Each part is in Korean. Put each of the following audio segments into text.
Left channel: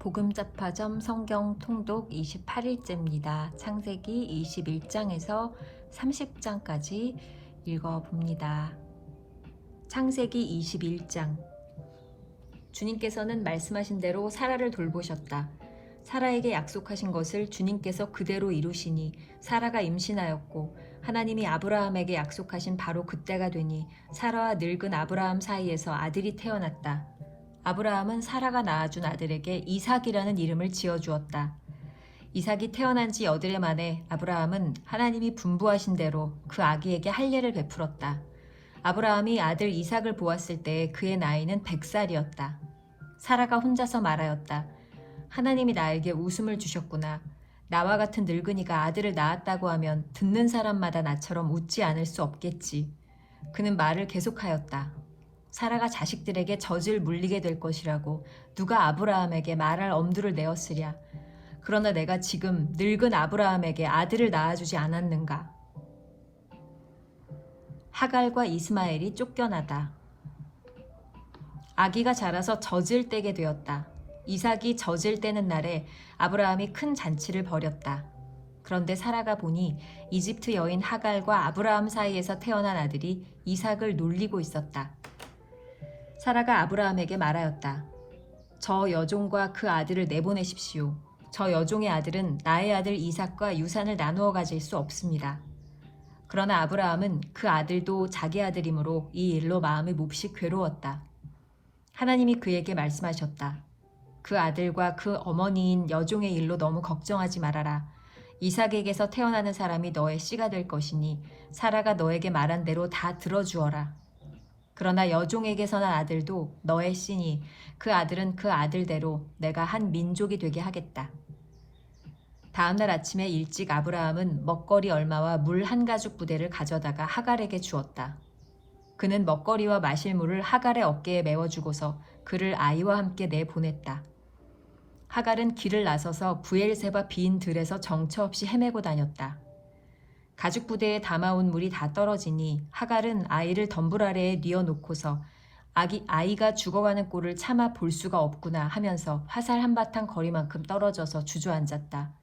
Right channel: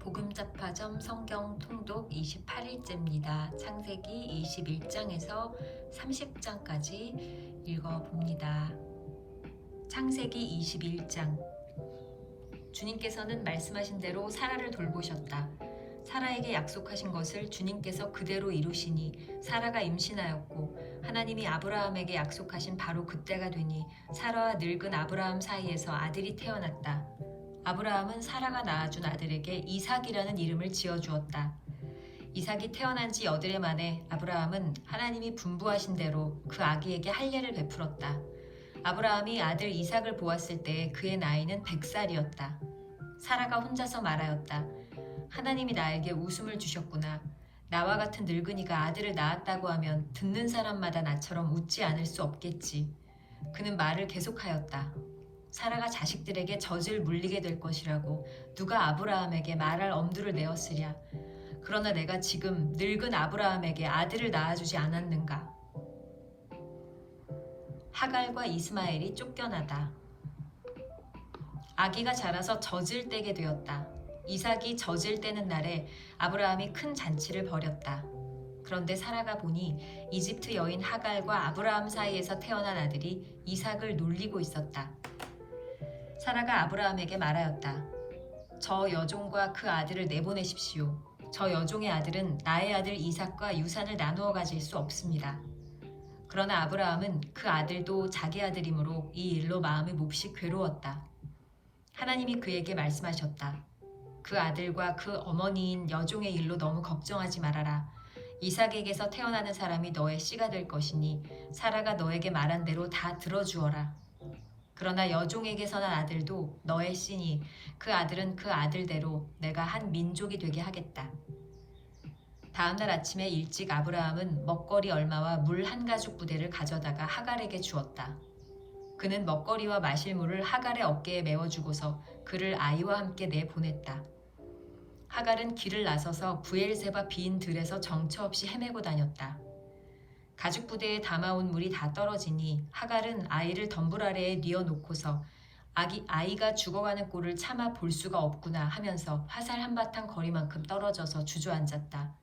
복음잡화점 성경 통독 28일째입니다. 창세기 21장에서 30장까지 읽어봅니다. 창세기 21장. 주님께서는 말씀하신 대로 사라를 돌보셨다. 사라에게 약속하신 것을 주님께서 그대로 이루시니 사라가 임신하였고, 하나님이 아브라함에게 약속하신 바로 그때가 되니 사라와 늙은 아브라함 사이에서 아들이 태어났다. 아브라함은 사라가 낳아준 아들에게 이삭이라는 이름을 지어주었다. 이삭이 태어난 지 8해 만에 아브라함은 하나님이 분부하신 대로 그 아기에게 할례를 베풀었다. 아브라함이 아들 이삭을 보았을 때 그의 나이는 100살이었다. 사라가 혼자서 말하였다. 하나님이 나에게 웃음을 주셨구나. 나와 같은 늙은이가 아들을 낳았다고 하면 듣는 사람마다 나처럼 웃지 않을 수 없겠지. 그는 말을 계속하였다. 사라가 자식들에게 젖을 물리게 될 것이라고 누가 아브라함에게 말할 엄두를 내었으랴. 그러나 내가 지금 늙은 아브라함에게 아들을 낳아주지 않았는가. 하갈과 이스마엘이 쫓겨나다. 아기가 자라서 젖을 떼게 되었다. 이삭이 젖을 떼는 날에 아브라함이 큰 잔치를 벌였다. 그런데 사라가 보니 이집트 여인 하갈과 아브라함 사이에서 태어난 아들이 이삭을 놀리고 있었다. 사라가 아브라함에게 말하였다. 저 여종과 그 아들을 내보내십시오. 저 여종의 아들은 나의 아들 이삭과 유산을 나누어 가질 수 없습니다. 그러나 아브라함은 그 아들도 자기 아들이므로 이 일로 마음이 몹시 괴로웠다. 하나님이 그에게 말씀하셨다. 그 아들과 그 어머니인 여종의 일로 너무 걱정하지 말아라. 이삭에게서 태어나는 사람이 너의 씨가 될 것이니 사라가 너에게 말한 대로 다 들어주어라. 그러나 여종에게서 난 아들도 너의 씨니 그 아들은 그 아들대로 내가 한 민족이 되게 하겠다. 다음날 아침에 일찍 아브라함은 먹거리 얼마와 물 한 가죽 부대를 가져다가 하갈에게 주었다. 그는 먹거리와 마실 물을 하갈의 어깨에 메워주고서 그를 아이와 함께 내보냈다. 하갈은 길을 나서서 브엘세바 빈 들에서 정처 없이 헤매고 다녔다. 가죽 부대에 담아온 물이 다 떨어지니 하갈은 아이를 덤불 아래에 뉘어놓고서 아이가 죽어가는 꼴을 차마 볼 수가 없구나 하면서 화살 한바탕 거리만큼 떨어져서 주저앉았다.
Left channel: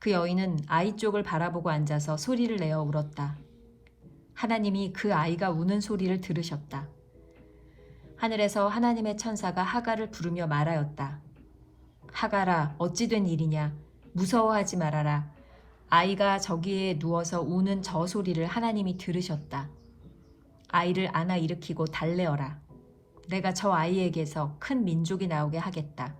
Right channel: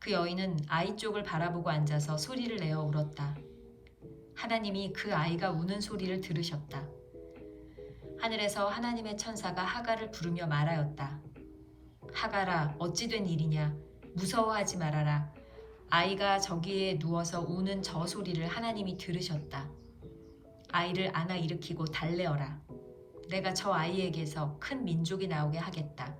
그 여인은 아이 쪽을 바라보고 앉아서 소리를 내어 울었다. 하나님이 그 아이가 우는 소리를 들으셨다. 하늘에서 하나님의 천사가 하갈을 부르며 말하였다. 하갈아, 어찌 된 일이냐? 무서워하지 말아라. 아이가 저기에 누워서 우는 저 소리를 하나님이 들으셨다. 아이를 안아 일으키고 달래어라. 내가 저 아이에게서 큰 민족이 나오게 하겠다.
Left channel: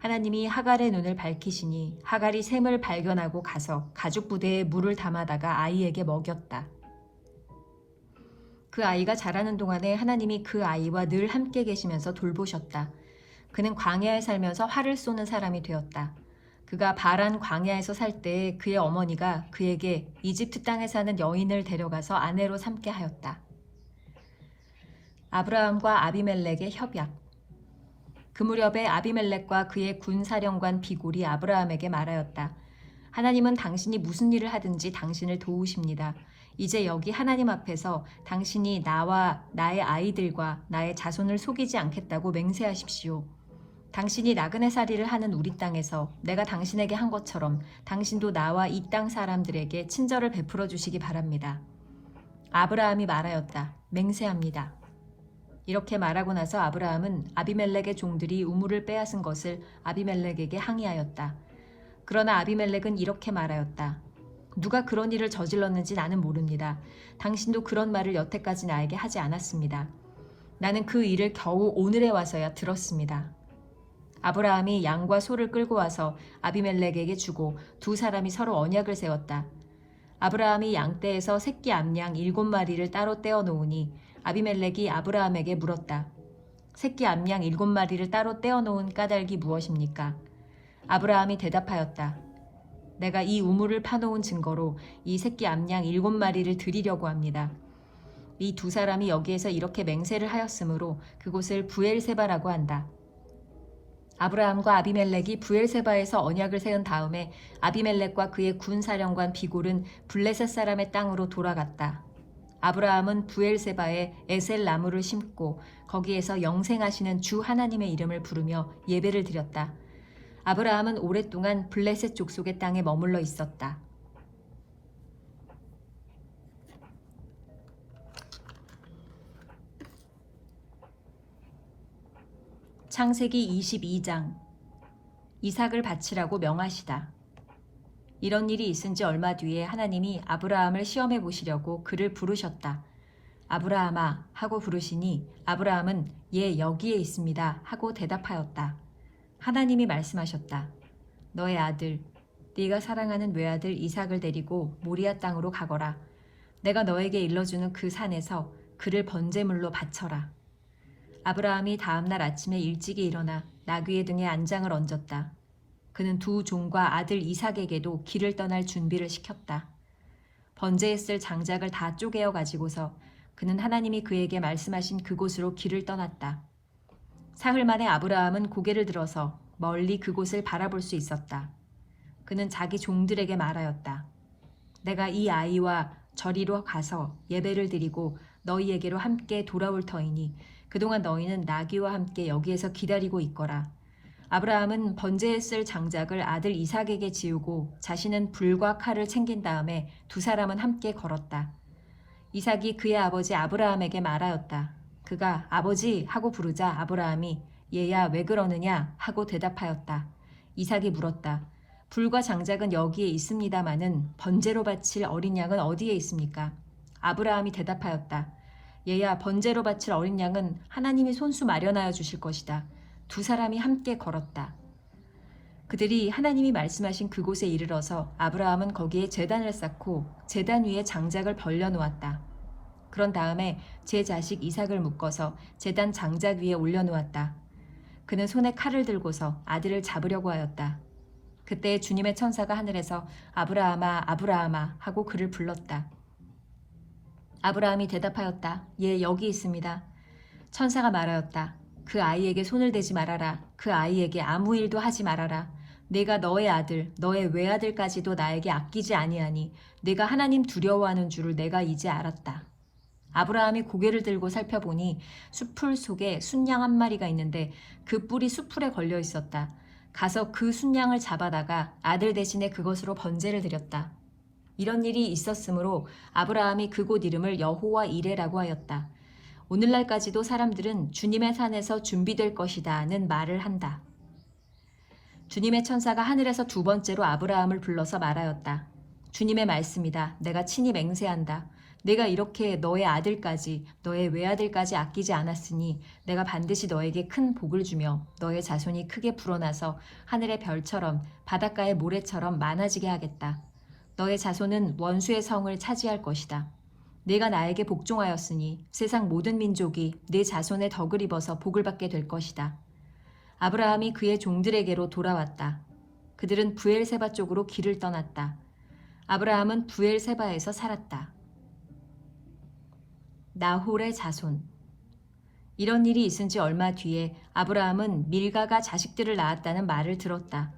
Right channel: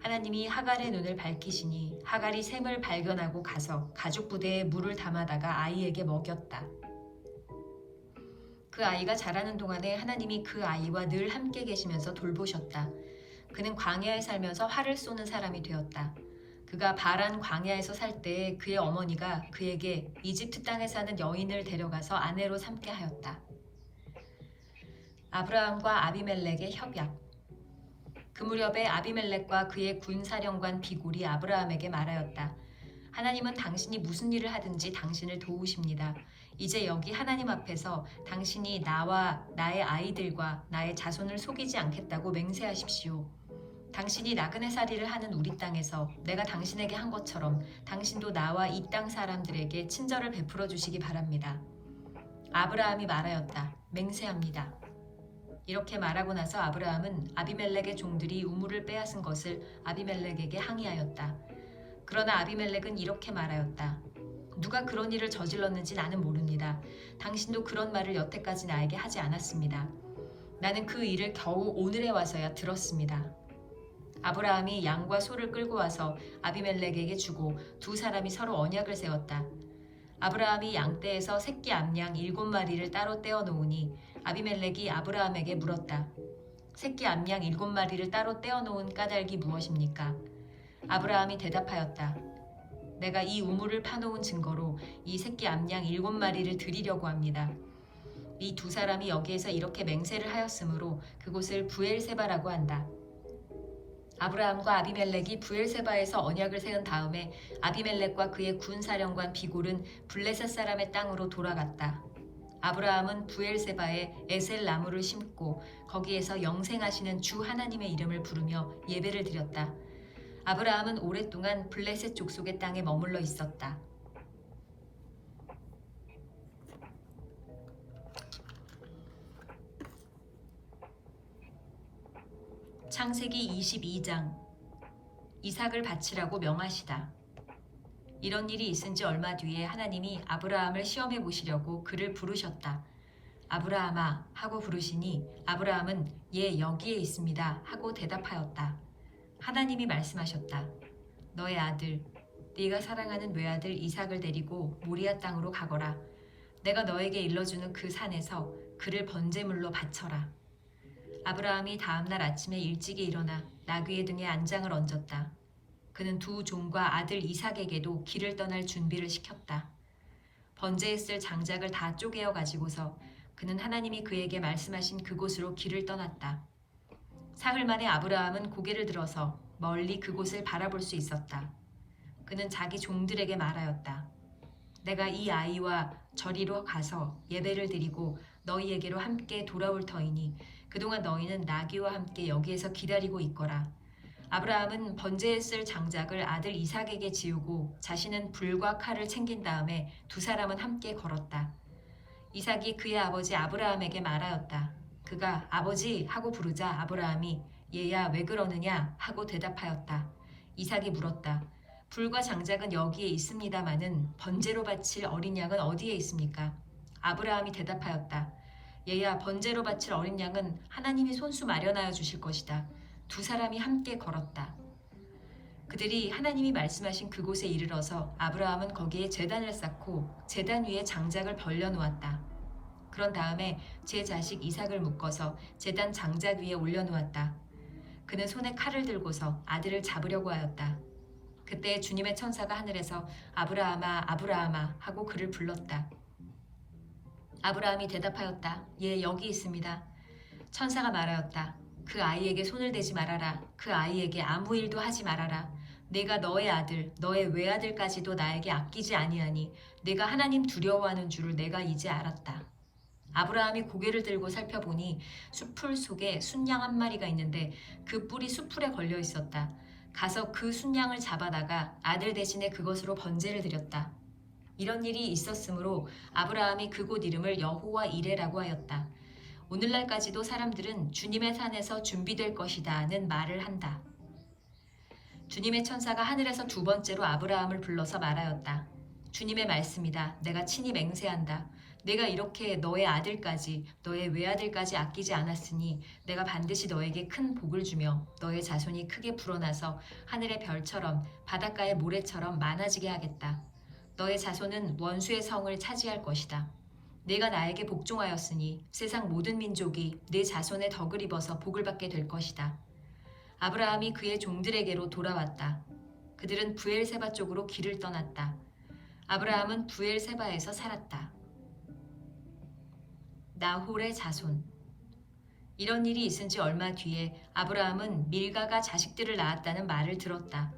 하나님이 하갈의 눈을 밝히시니 하갈이 샘을 발견하고 가서 가죽 부대에 물을 담아다가 아이에게 먹였다. 그 아이가 자라는 동안에 하나님이 그 아이와 늘 함께 계시면서 돌보셨다. 그는 광야에 살면서 활을 쏘는 사람이 되었다. 그가 바란 광야에서 살 때 그의 어머니가 그에게 이집트 땅에 사는 여인을 데려가서 아내로 삼게 하였다. 아브라함과 아비멜렉의 협약. 그 무렵에 아비멜렉과 그의 군사령관 비골이 아브라함에게 말하였다. 하나님은 당신이 무슨 일을 하든지 당신을 도우십니다. 이제 여기 하나님 앞에서 당신이 나와 나의 아이들과 나의 자손을 속이지 않겠다고 맹세하십시오. 당신이 나그네 살이를 하는 우리 땅에서 내가 당신에게 한 것처럼 당신도 나와 이 땅 사람들에게 친절을 베풀어 주시기 바랍니다. 아브라함이 말하였다. 맹세합니다. 이렇게 말하고 나서 아브라함은 아비멜렉의 종들이 우물을 빼앗은 것을 아비멜렉에게 항의하였다. 그러나 아비멜렉은 이렇게 말하였다. 누가 그런 일을 저질렀는지 나는 모릅니다. 당신도 그런 말을 여태까지 나에게 하지 않았습니다. 나는 그 일을 겨우 오늘에 와서야 들었습니다. 아브라함이 양과 소를 끌고 와서 아비멜렉에게 주고 두 사람이 서로 언약을 세웠다. 아브라함이 양떼에서 새끼 암양 7마리를 따로 떼어 놓으니 아비멜렉이 아브라함에게 물었다. 새끼 암양 7마리를 따로 떼어 놓은 까닭이 무엇입니까? 아브라함이 대답하였다. 내가 이 우물을 파놓은 증거로 이 새끼 암양 7마리를 드리려고 합니다. 이 두 사람이 여기에서 이렇게 맹세를 하였으므로 그곳을 브엘세바라고 한다. 아브라함과 아비멜렉이 브엘세바에서 언약을 세운 다음에 아비멜렉과 그의 군사령관 비골은 블레셋 사람의 땅으로 돌아갔다. 아브라함은 부엘세바에 에셀 나무를 심고 거기에서 영생하시는 주 하나님의 이름을 부르며 예배를 드렸다. 아브라함은 오랫동안 블레셋 족속의 땅에 머물러 있었다. 창세기 22장. 이삭을 바치라고 명하시다. 이런 일이 있은 지 얼마 뒤에 하나님이 아브라함을 시험해 보시려고 그를 부르셨다. 아브라함아 하고 부르시니 아브라함은 예 여기에 있습니다 하고 대답하였다. 하나님이 말씀하셨다. 너의 아들, 네가 사랑하는 외아들 이삭을 데리고 모리아 땅으로 가거라. 내가 너에게 일러주는 그 산에서 그를 번제물로 바쳐라. 아브라함이 다음날 아침에 일찍이 일어나 나귀의 등에 안장을 얹었다. 그는 두 종과 아들 이삭에게도 길을 떠날 준비를 시켰다. 번제에 쓸 장작을 다 쪼개어 가지고서 그는 하나님이 그에게 말씀하신 그곳으로 길을 떠났다. 사흘 만에 아브라함은 고개를 들어서 멀리 그곳을 바라볼 수 있었다. 그는 자기 종들에게 말하였다. 내가 이 아이와 저리로 가서 예배를 드리고 너희에게로 함께 돌아올 터이니 그동안 너희는 나귀와 함께 여기에서 기다리고 있거라. 아브라함은 번제에 쓸 장작을 아들 이삭에게 지우고 자신은 불과 칼을 챙긴 다음에 두 사람은 함께 걸었다. 이삭이 그의 아버지 아브라함에게 말하였다. 그가 아버지 하고 부르자 아브라함이 얘야 왜 그러느냐 하고 대답하였다. 이삭이 물었다. 불과 장작은 여기에 있습니다마는 번제로 바칠 어린 양은 어디에 있습니까? 아브라함이 대답하였다. 얘야 번제로 바칠 어린 양은 하나님이 손수 마련하여 주실 것이다. 두 사람이 함께 걸었다. 그들이 하나님이 말씀하신 그곳에 이르러서 아브라함은 거기에 제단을 쌓고 제단 위에 장작을 벌려놓았다. 그런 다음에 제 자식 이삭을 묶어서 제단 장작 위에 올려놓았다. 그는 손에 칼을 들고서 아들을 잡으려고 하였다. 그때 주님의 천사가 하늘에서 아브라함아 아브라함아 하고 그를 불렀다. 아브라함이 대답하였다. 예, 여기 있습니다. 천사가 말하였다. 그 아이에게 손을 대지 말아라. 그 아이에게 아무 일도 하지 말아라. 내가 너의 아들, 너의 외아들까지도 나에게 아끼지 아니하니 내가 하나님 두려워하는 줄을 내가 이제 알았다. 아브라함이 고개를 들고 살펴보니 숲풀 속에 순양 한 마리가 있는데 그 뿔이 숲풀에 걸려 있었다. 가서 그 순양을 잡아다가 아들 대신에 그것으로 번제를 드렸다. 이런 일이 있었으므로 아브라함이 그곳 이름을 여호와 이레라고 하였다. 오늘날까지도 사람들은 주님의 산에서 준비될 것이다는 말을 한다. 주님의 천사가 하늘에서 두 번째로 아브라함을 불러서 말하였다. 주님의 말씀이다. 내가 친히 맹세한다. 내가 이렇게 너의 아들까지 너의 외아들까지 아끼지 않았으니 내가 반드시 너에게 큰 복을 주며 너의 자손이 크게 불어나서 하늘의 별처럼 바닷가의 모래처럼 많아지게 하겠다. 너의 자손은 원수의 성을 차지할 것이다. 내가 나에게 복종하였으니 세상 모든 민족이 내 자손의 덕을 입어서 복을 받게 될 것이다. 아브라함이 그의 종들에게로 돌아왔다. 그들은 부엘세바 쪽으로 길을 떠났다. 아브라함은 부엘세바에서 살았다. 나홀의 자손. 이런 일이 있은 지 얼마 뒤에 아브라함은 밀가가 자식들을 낳았다는 말을 들었다.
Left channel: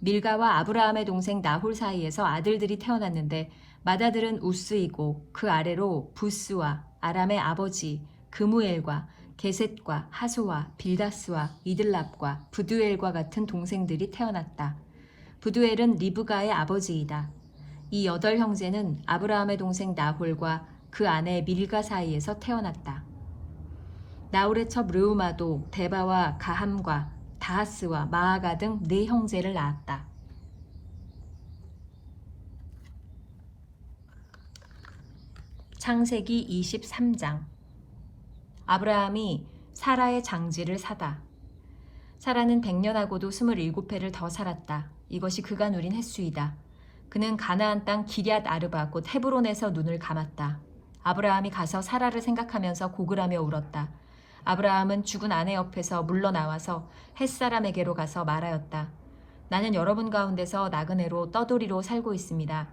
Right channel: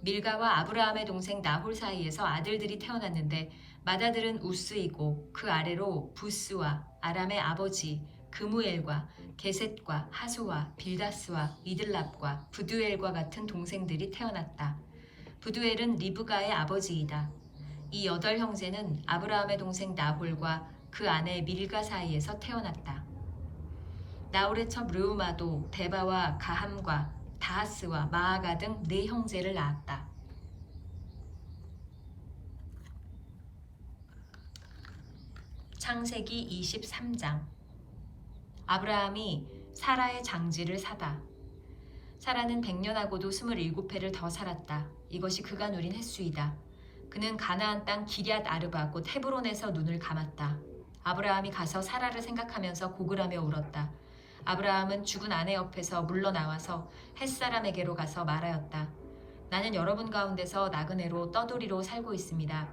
밀가와 아브라함의 동생 나홀 사이에서 아들들이 태어났는데 맏아들은 우스이고 그 아래로 부스와 아람의 아버지 그무엘과 게셋과 하소와 빌다스와 이들랍과 부두엘과 같은 동생들이 태어났다. 부두엘은 리브가의 아버지이다. 이 8형제는 아브라함의 동생 나홀과 그 아내 밀가 사이에서 태어났다. 나홀의 첩 르우마도 데바와 가함과 다하스와 마아가 등 4형제를 낳았다. 창세기 23장. 아브라함이 사라의 장지를 사다. 사라는 100년하고도 27해를 더 살았다. 이것이 그가 누린 횟수이다. 그는 가나안 땅 기럇 아르바 곧 헤브론에서 눈을 감았다. 아브라함이 가서 사라를 생각하면서 고글하며 울었다. 아브라함은 죽은 아내 옆에서 물러나와서 햇사람에게로 가서 말하였다. 나는 여러분 가운데서 나그네로 떠돌이로 살고 있습니다.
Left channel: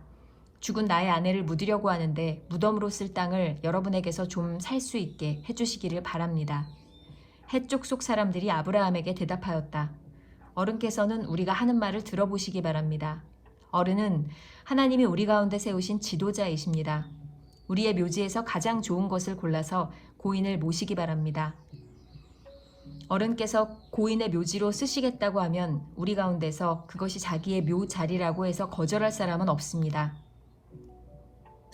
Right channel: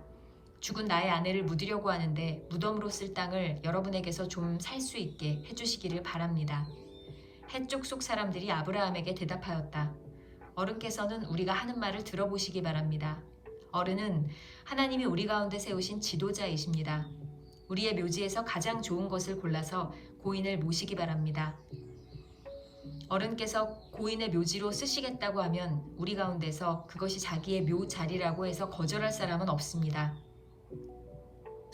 죽은 나의 아내를 묻으려고 하는데 무덤으로 쓸 땅을 여러분에게서 좀 살 수 있게 해주시기를 바랍니다. 헷 족속 사람들이 아브라함에게 대답하였다. 어른께서는 우리가 하는 말을 들어보시기 바랍니다. 어른은 하나님이 우리 가운데 세우신 지도자이십니다. 우리의 묘지에서 가장 좋은 것을 골라서 고인을 모시기 바랍니다. 어른께서 고인의 묘지로 쓰시겠다고 하면 우리 가운데서 그것이 자기의 묘 자리라고 해서 거절할 사람은 없습니다.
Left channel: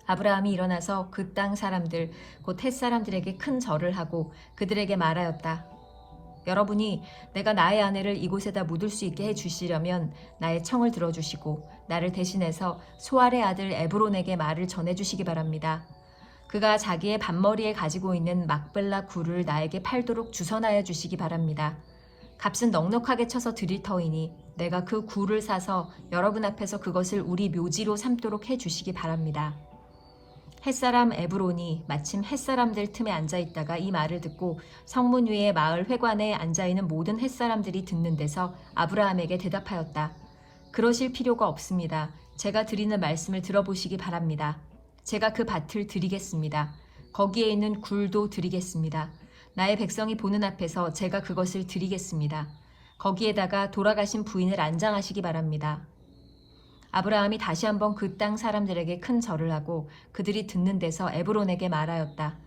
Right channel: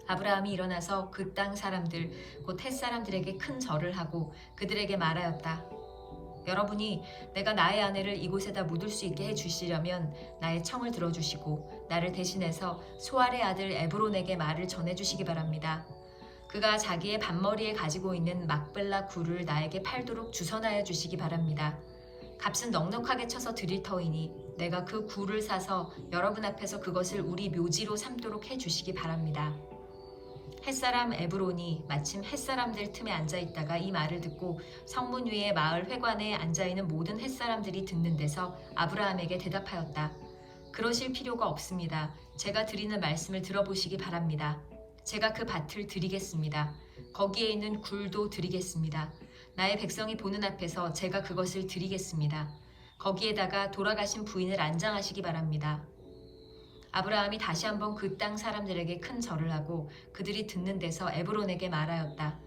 아브라함이 일어나서 그 땅 사람들, 곧 헷 사람들에게 큰 절을 하고 그들에게 말하였다. 여러분이 내가 나의 아내를 이곳에다 묻을 수 있게 해주시려면 나의 청을 들어주시고 나를 대신해서 소알의 아들 에브론에게 말을 전해주시기 바랍니다. 그가 자기의 반머리에 가지고 있는 막벨라 굴을 나에게 팔도록 주선하여 주시기 바랍니다. 값은 넉넉하게 쳐서 드릴 터이니 내가 그 굴을 사서 여러분 앞에서 그것을 우리 묘지로 삼도록 해주시기 바랍니다. 햇사람 에브론이 마침 햇사람들 틈에 앉아있다가 이 말을 듣고 성문 위에 마을 회관에 앉아있는 모든 햇사람들이 듣는 데서 아브라함에게 대답하였다. 그러실 필요가 없습니다. 제가 드리는 말씀을 들어보시기 바랍니다. 제가 그 밭을 드리겠습니다. 거기에 있는 굴도 드리겠습니다. 나의 백성이 보는 앞에서 제가 그것을 드리겠습니다. 거기에다가 돌아가신 부인을 안장하시기 바랍니다. 아브라함이 다시 한번 그 땅 사람들에게 큰 절을 하고 그들이 듣는 데서 에브론에게 말하였다.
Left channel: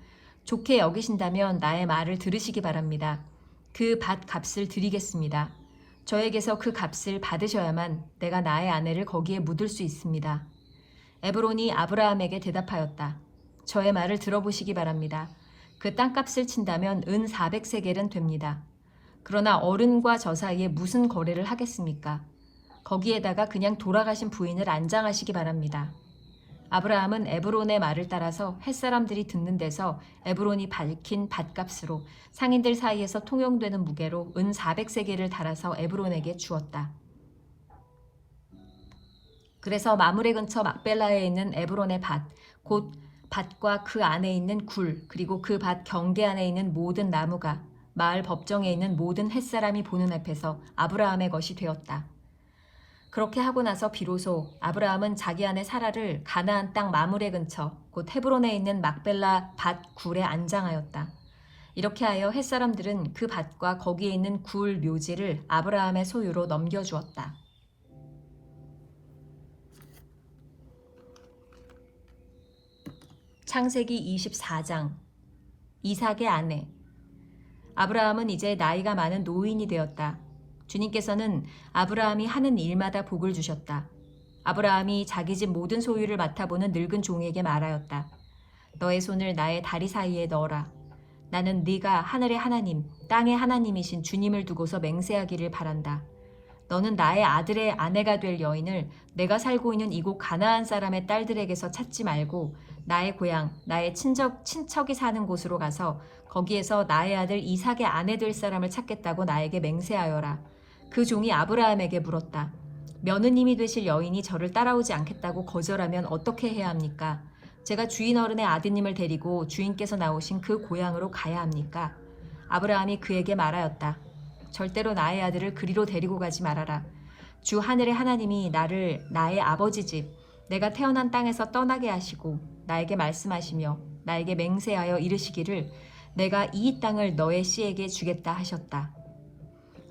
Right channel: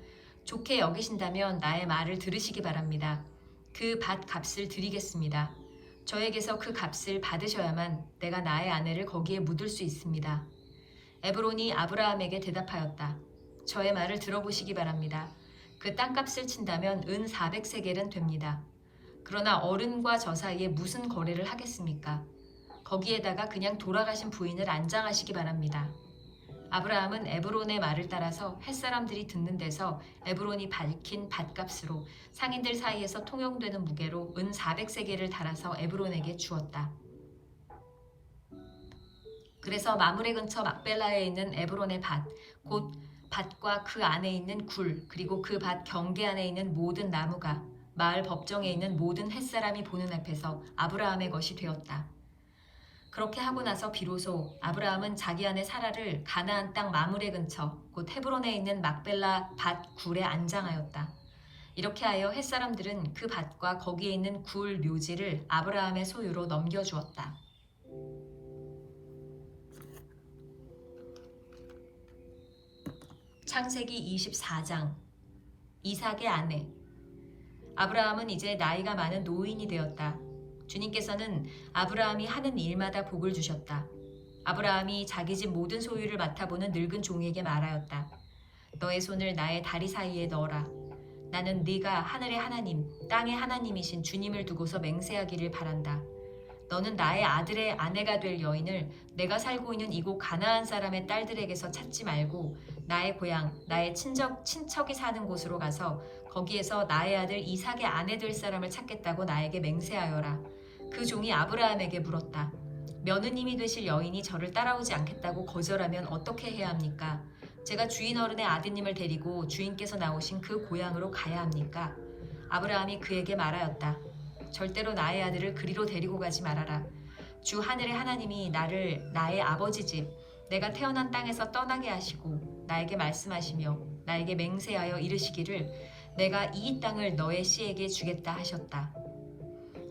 좋게 여기신다면 나의 말을 들으시기 바랍니다. 그 밭 값을 드리겠습니다. 저에게서 그 값을 받으셔야만 내가 나의 아내를 거기에 묻을 수 있습니다. 에브론이 아브라함에게 대답하였다. 저의 말을 들어보시기 바랍니다. 그 땅값을 친다면 은 400세겔은 됩니다. 그러나 어른과 저 사이에 무슨 거래를 하겠습니까? 거기에다가 그냥 돌아가신 부인을 안장하시기 바랍니다. 아브라함은 에브론의 말을 따라서 햇사람들이 듣는 데서 에브론이 밝힌 밭값으로 상인들 사이에서 통용되는 무게로 은 400세겔을 달아서 에브론에게 주었다. 그래서 마므레 근처 막벨라에 있는 에브론의 밭, 곧 밭과 그 안에 있는 굴, 그리고 그 밭 경계 안에 있는 모든 나무가 마을 법정에 있는 모든 햇사람이 보는 앞에서 아브라함의 것이 되었다. 그렇게 하고 나서 비로소 아브라함은 자기 아내 사라를 가나안 땅 마므레 근처 곧 헤브론에 있는 막벨라 밭 굴에 안장하였다. 이렇게 하여 햇사람들은 그 밭과 거기에 있는 굴 묘지를 아브라함의 소유로 넘겨주었다. 창세기 24장 이삭의 아내. 아브라함은 이제 나이가 많은 노인이 되었다. 주님께서는 아브라함이 하는 일마다 복을 주셨다. 아브라함이 자기 집 모든 소유를 맡아보는 늙은 종에게 말하였다. 너의 손을 나의 다리 사이에 넣어라. 나는 네가 하늘의 하나님, 땅의 하나님이신 주님을 두고서 맹세하기를 바란다. 너는 나의 아들의 아내가 될 여인을 내가 살고 있는 이곳 가나안 사람의 딸들에게서 찾지 말고 나의 고향, 나의 친척이 사는 곳으로 가서 거기에서 나의 아들 이삭의 아내 될 사람을 찾겠다고 나에게 맹세하여라. 그 종이 아브라함에게 물었다. 며느님이 되실 여인이 저를 따라오지 않겠다고 거절하면 어떻게 해야 합니까? 제가 주인 어른의 아드님을 데리고 주인께서 나오신 그 고향으로 가야 합니까? 아브라함이 그에게 말하였다. 절대로 나의 아들을 그리로 데리고 가지 말아라. 주 하늘의 하나님이 나를 나의 아버지 집, 내가 태어난 땅에서 떠나게 하시고 나에게 말씀하시며 나에게 맹세하여 이르시기를 내가 이 땅을 너의 씨에게 주겠다 하셨다.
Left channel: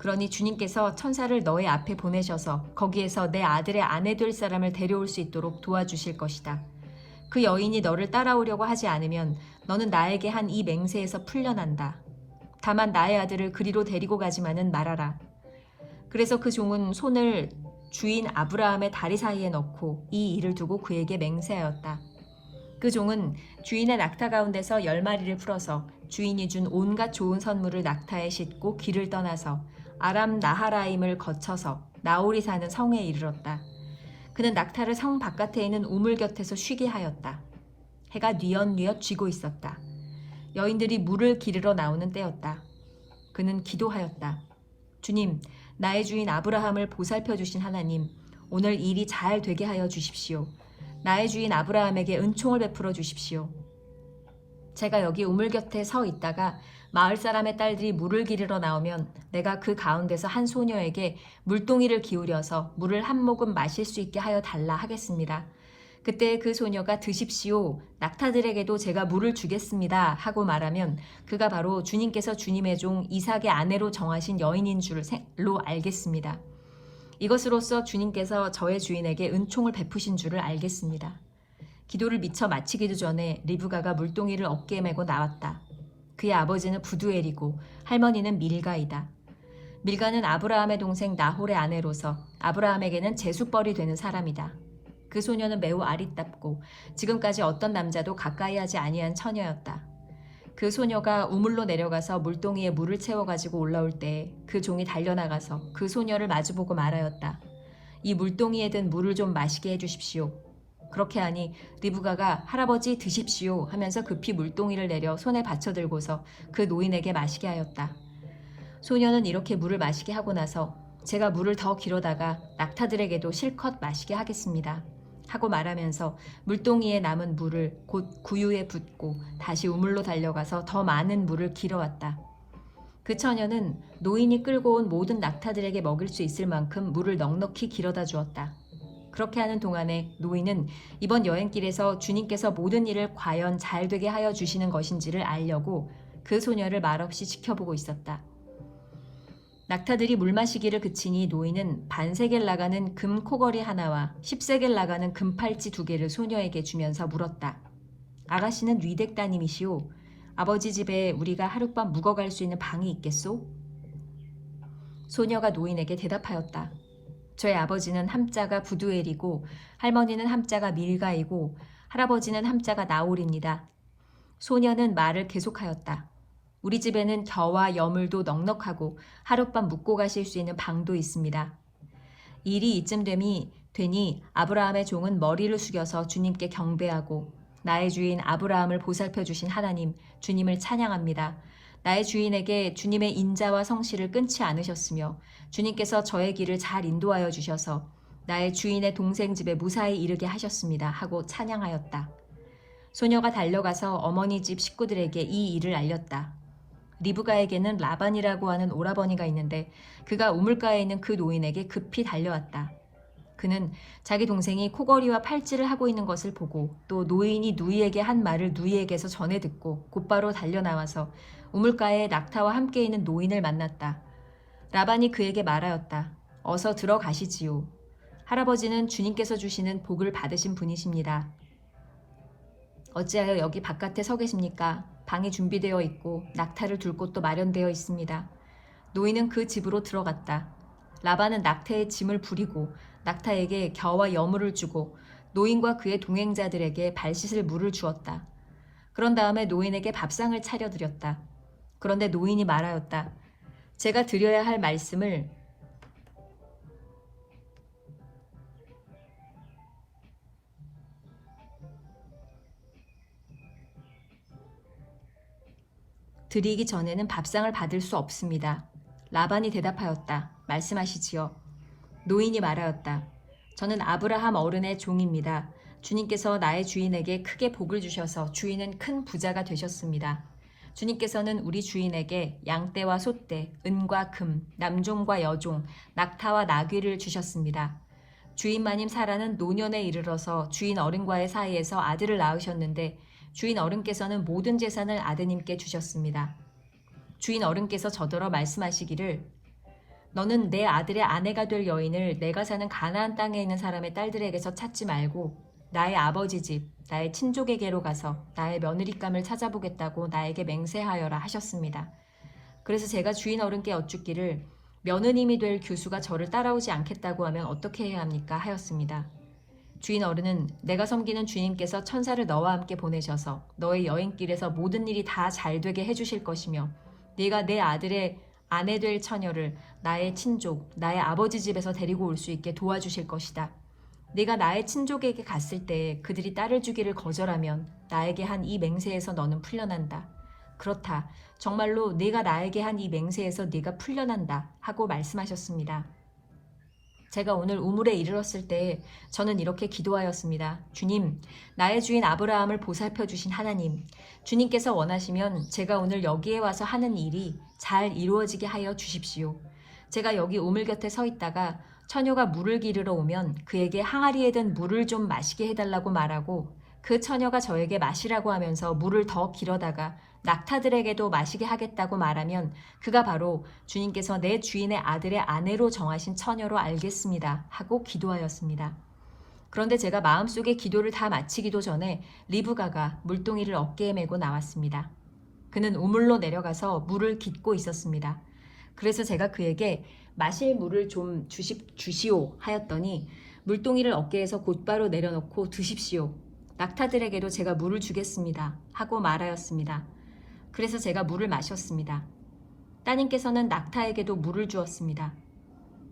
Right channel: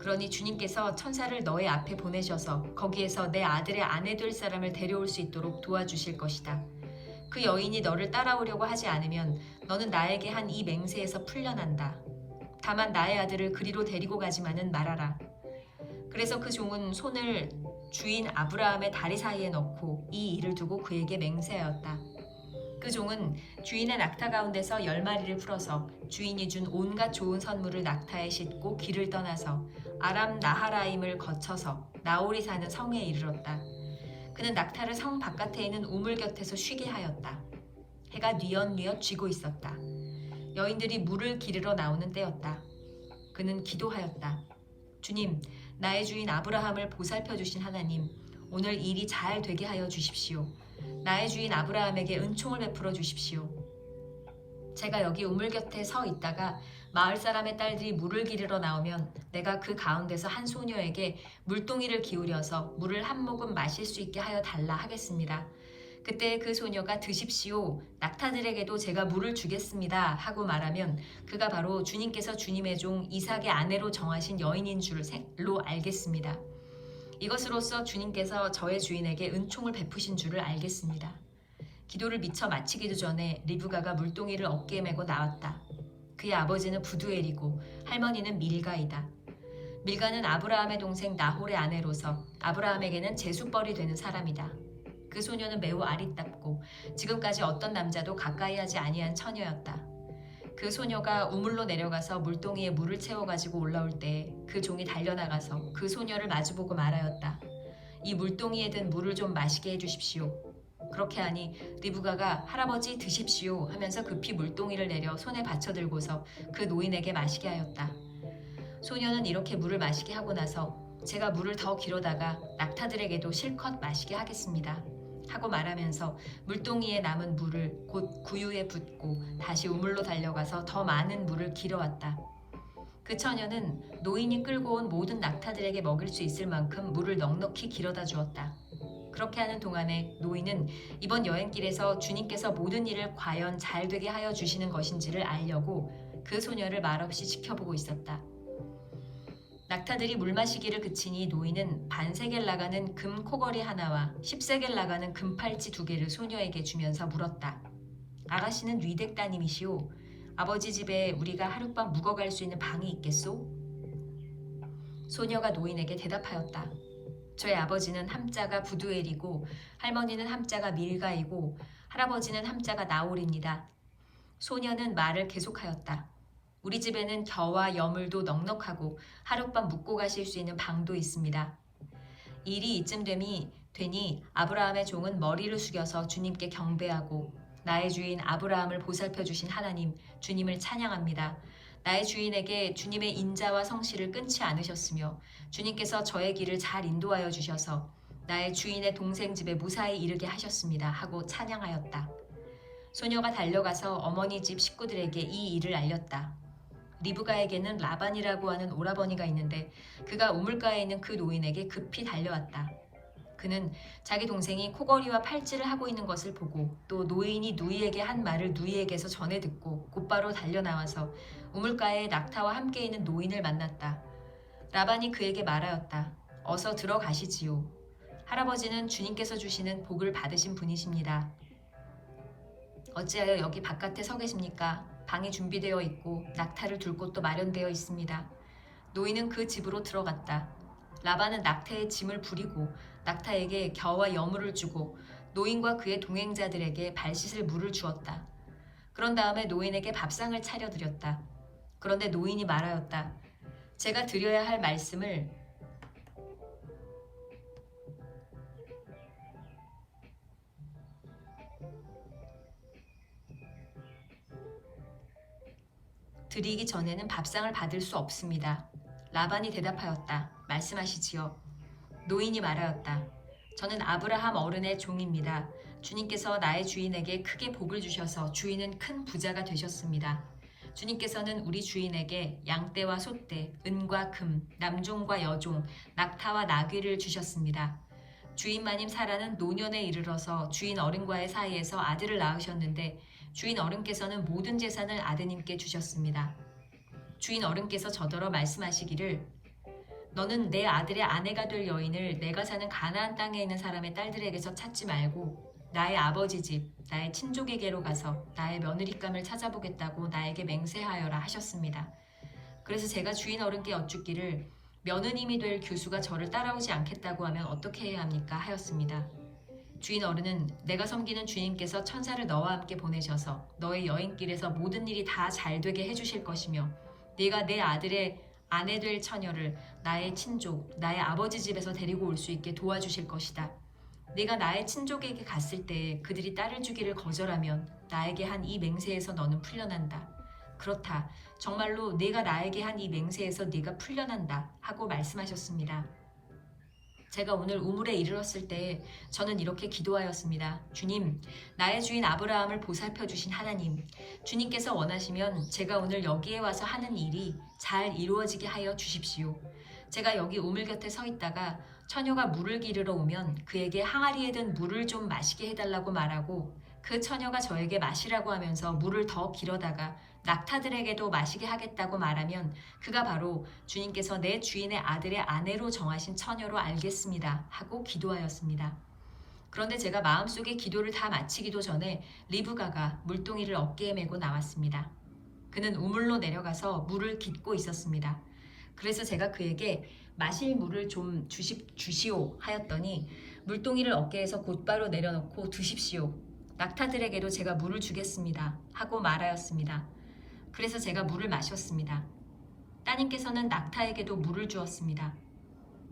그러니 주님께서 천사를 너의 앞에 보내셔서 거기에서 내 아들의 아내 될 사람을 데려올 수 있도록 도와주실 것이다. 그 여인이 너를 따라오려고 하지 않으면 너는 나에게 한 이 맹세에서 풀려난다. 다만 나의 아들을 그리로 데리고 가지만은 말아라. 그래서 그 종은 손을 주인 아브라함의 다리 사이에 넣고 이 일을 두고 그에게 맹세하였다. 그 종은 주인의 낙타 가운데서 10마리를 풀어서 주인이 준 온갖 좋은 선물을 낙타에 싣고 길을 떠나서 아람 나하라임을 거쳐서 나홀이 사는 성에 이르렀다. 그는 낙타를 성 바깥에 있는 우물 곁에서 쉬게 하였다. 해가 뉘엿뉘엿 쥐고 있었다. 여인들이 물을 기르러 나오는 때였다. 그는 기도하였다. 주님, 나의 주인 아브라함을 보살펴 주신 하나님, 오늘 일이 잘 되게 하여 주십시오. 나의 주인 아브라함에게 은총을 베풀어 주십시오. 제가 여기 우물 곁에 서 있다가 마을 사람의 딸들이 물을 기르러 나오면 내가 그 가운데서 한 소녀에게 물동이를 기울여서 물을 한 모금 마실 수 있게 하여 달라 하겠습니다. 그때 그 소녀가 드십시오. 낙타들에게도 제가 물을 주겠습니다. 하고 말하면 그가 바로 주님께서 주님의 종 이삭의 아내로 정하신 여인인 줄로 알겠습니다. 이것으로써 주님께서 저의 주인에게 은총을 베푸신 줄을 알겠습니다. 기도를 미처 마치기도 전에 리브가가 물동이를 어깨에 메고 나왔다. 그의 아버지는 부두엘이고 할머니는 밀가이다. 밀가는 아브라함의 동생 나홀의 아내로서 아브라함에게는 제수벌이 되는 사람이다. 그 소녀는 매우 아리답고 지금까지 어떤 남자도 가까이 하지 아니한 처녀였다. 그 소녀가 우물로 내려가서 물동이에 물을 채워가지고 올라올 때 그 종이 달려나가서 그 소녀를 마주보고 말하였다. 이 물동이에 든 물을 좀 마시게 해주십시오. 그렇게 하니 리브가가 할아버지 드십시오 하면서 급히 물동이를 내려 손에 받쳐들고서 그 노인에게 마시게 하였다. 소녀는 이렇게 물을 마시게 하고 나서 제가 물을 더 길어다가 낙타들에게도 실컷 마시게 하겠습니다 하고 말하면서 물동이에 남은 물을 곧 구유에 붓고 다시 우물로 달려가서 더 많은 물을 길어왔다. 그 처녀는 노인이 끌고 온 모든 낙타들에게 먹일 수 있을 만큼 물을 넉넉히 길어다 주었다. 그렇게 하는 동안에 노인은 이번 여행길에서 주님께서 모든 일을 과연 잘 되게 하여 주시는 것인지를 알려고 그 소녀를 말없이 지켜보고 있었다. 낙타들이 물 마시기를 그치니 노인은 반세겔 나가는 금 코걸이 하나와 10세겔 나가는 금팔찌 2개를 소녀에게 주면서 물었다. 아가씨는 위댁 따님이시오. 아버지 집에 우리가 하룻밤 묵어갈 수 있는 방이 있겠소? 소녀가 노인에게 대답하였다. 저의 아버지는 함자가 부두엘이고 할머니는 함자가 밀가이고 할아버지는 함자가 나홀입니다. 소녀는 말을 계속하였다. 우리 집에는 겨와 여물도 넉넉하고 하룻밤 묵고 가실 수 있는 방도 있습니다. 일이 이쯤 되니 아브라함의 종은 머리를 숙여서 주님께 경배하고 나의 주인 아브라함을 보살펴 주신 하나님 주님을 찬양합니다. 나의 주인에게 주님의 인자와 성실을 끊지 않으셨으며 주님께서 저의 길을 잘 인도하여 주셔서 나의 주인의 동생 집에 무사히 이르게 하셨습니다 하고 찬양하였다. 소녀가 달려가서 어머니 집 식구들에게 이 일을 알렸다. 리브가에게는 라반이라고 하는 오라버니가 있는데 그가 우물가에 있는 그 노인에게 급히 달려왔다. 그는 자기 동생이 코걸이와 팔찌를 하고 있는 것을 보고 또 노인이 누이에게 한 말을 누이에게서 전해 듣고 곧바로 달려나와서 우물가에 낙타와 함께 있는 노인을 만났다. 라반이 그에게 말하였다. 어서 들어가시지요. 할아버지는 주님께서 주시는 복을 받으신 분이십니다. 어찌하여 여기 바깥에 서 계십니까? 방이 준비되어 있고 낙타를 둘 곳도 마련되어 있습니다. 노인은 그 집으로 들어갔다. 라반은 낙타의 짐을 부리고 낙타에게 겨와 여물을 주고 노인과 그의 동행자들에게 발 씻을 물을 주었다. 그런 다음에 노인에게 밥상을 차려드렸다. 그런데 노인이 말하였다. 제가 드려야 할 말씀을 드리기 전에는 밥상을 받을 수 없습니다. 라반이 대답하였다. 말씀하시지요. 노인이 말하였다. 저는 아브라함 어른의 종입니다. 주님께서 나의 주인에게 크게 복을 주셔서 주인은 큰 부자가 되셨습니다. 주님께서는 우리 주인에게 양떼와 소떼, 은과 금, 남종과 여종, 낙타와 나귀를 주셨습니다. 주인 마님 사라는 노년에 이르러서 주인 어른과의 사이에서 아들을 낳으셨는데 주인 어른께서는 모든 재산을 아드님께 주셨습니다. 주인 어른께서 저더러 말씀하시기를 너는 내 아들의 아내가 될 여인을 내가 사는 가나안 땅에 있는 사람의 딸들에게서 찾지 말고 나의 아버지 집, 나의 친족에게로 가서 나의 며느리감을 찾아보겠다고 나에게 맹세하여라 하셨습니다. 그래서 제가 주인 어른께 여쭙기를 며느님이 될 교수가 저를 따라오지 않겠다고 하면 어떻게 해야 합니까? 하였습니다. 주인 어른은 내가 섬기는 주님께서 천사를 너와 함께 보내셔서 너의 여행길에서 모든 일이 다 잘되게 해주실 것이며 네가 내 아들의 아내 될 처녀를 나의 친족, 나의 아버지 집에서 데리고 올 수 있게 도와주실 것이다. 네가 나의 친족에게 갔을 때 그들이 딸을 주기를 거절하면 나에게 한 이 맹세에서 너는 풀려난다. 그렇다. 정말로 네가 나에게 한 이 맹세에서 네가 풀려난다 하고 말씀하셨습니다. 제가 오늘 우물에 이르렀을 때 저는 이렇게 기도하였습니다. 주님, 나의 주인 아브라함을 보살펴 주신 하나님, 주님께서 원하시면 제가 오늘 여기에 와서 하는 일이 잘 이루어지게 하여 주십시오. 제가 여기 우물 곁에 서 있다가 처녀가 물을 기르러 오면 그에게 항아리에 든 물을 좀 마시게 해달라고 말하고 그 처녀가 저에게 마시라고 하면서 물을 더 길어다가 낙타들에게도 마시게 하겠다고 말하면 그가 바로 주님께서 내 주인의 아들의 아내로 정하신 처녀로 알겠습니다. 하고 기도하였습니다. 그런데 제가 마음속에 기도를 다 마치기도 전에 리브가가 물동이를 어깨에 메고 나왔습니다. 그는 우물로 내려가서 물을 깃고 있었습니다. 그래서 제가 그에게 마실 물을 좀 주시오 하였더니 물동이를 어깨에서 곧바로 내려놓고 드십시오. 낙타들에게도 제가 물을 주겠습니다 하고 말하였습니다. 그래서 제가 물을 마셨습니다. 따님께서는 낙타에게도 물을 주었습니다.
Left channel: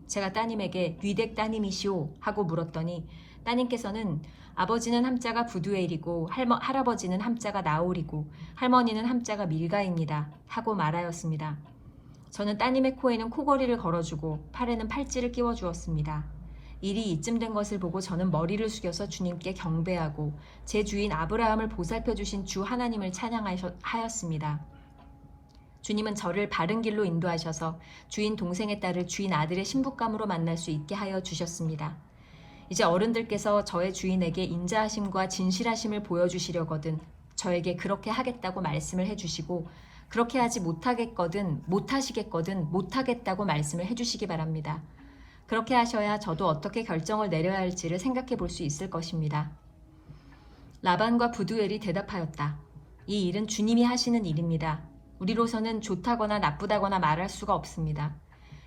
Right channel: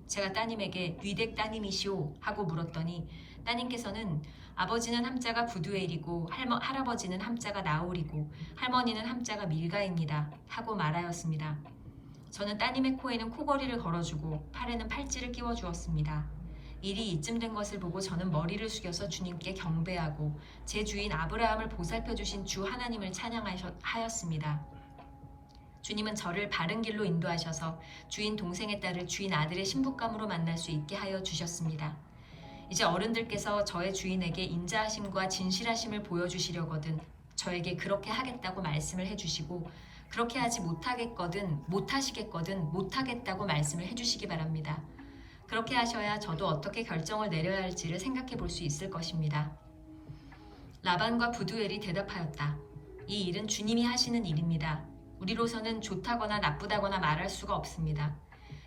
제가 따님에게 위댁 따님이시오 하고 물었더니 따님께서는 아버지는 함자가 부두엘이고 할아버지는 함자가 나홀이고 할머니는 함자가 밀가입니다 하고 말하였습니다. 저는 따님의 코에는 코걸이를 걸어주고 팔에는 팔찌를 끼워주었습니다. 일이 이쯤 된 것을 보고 저는 머리를 숙여서 주님께 경배하고 제 주인 아브라함을 보살펴주신 주 하나님을 찬양하였습니다. 주님은 저를 바른 길로 인도하셔서 주인 동생의 딸을 주인 아들의 신부감으로 만날 수 있게 하여 주셨습니다. 이제 어른들께서 저의 주인에게 인자하심과 진실하심을 보여주시려거든 저에게 그렇게 하겠다고 말씀을 해주시고 그렇게 하지 못하시겠거든 못하겠다고 말씀을 해주시기 바랍니다. 그렇게 하셔야 저도 어떻게 결정을 내려야 할지를 생각해 볼 수 있을 것입니다. 라반과 부두엘이 대답하였다. 이 일은 주님이 하시는 일입니다. 우리로서는 좋다거나 나쁘다거나 말할 수가 없습니다.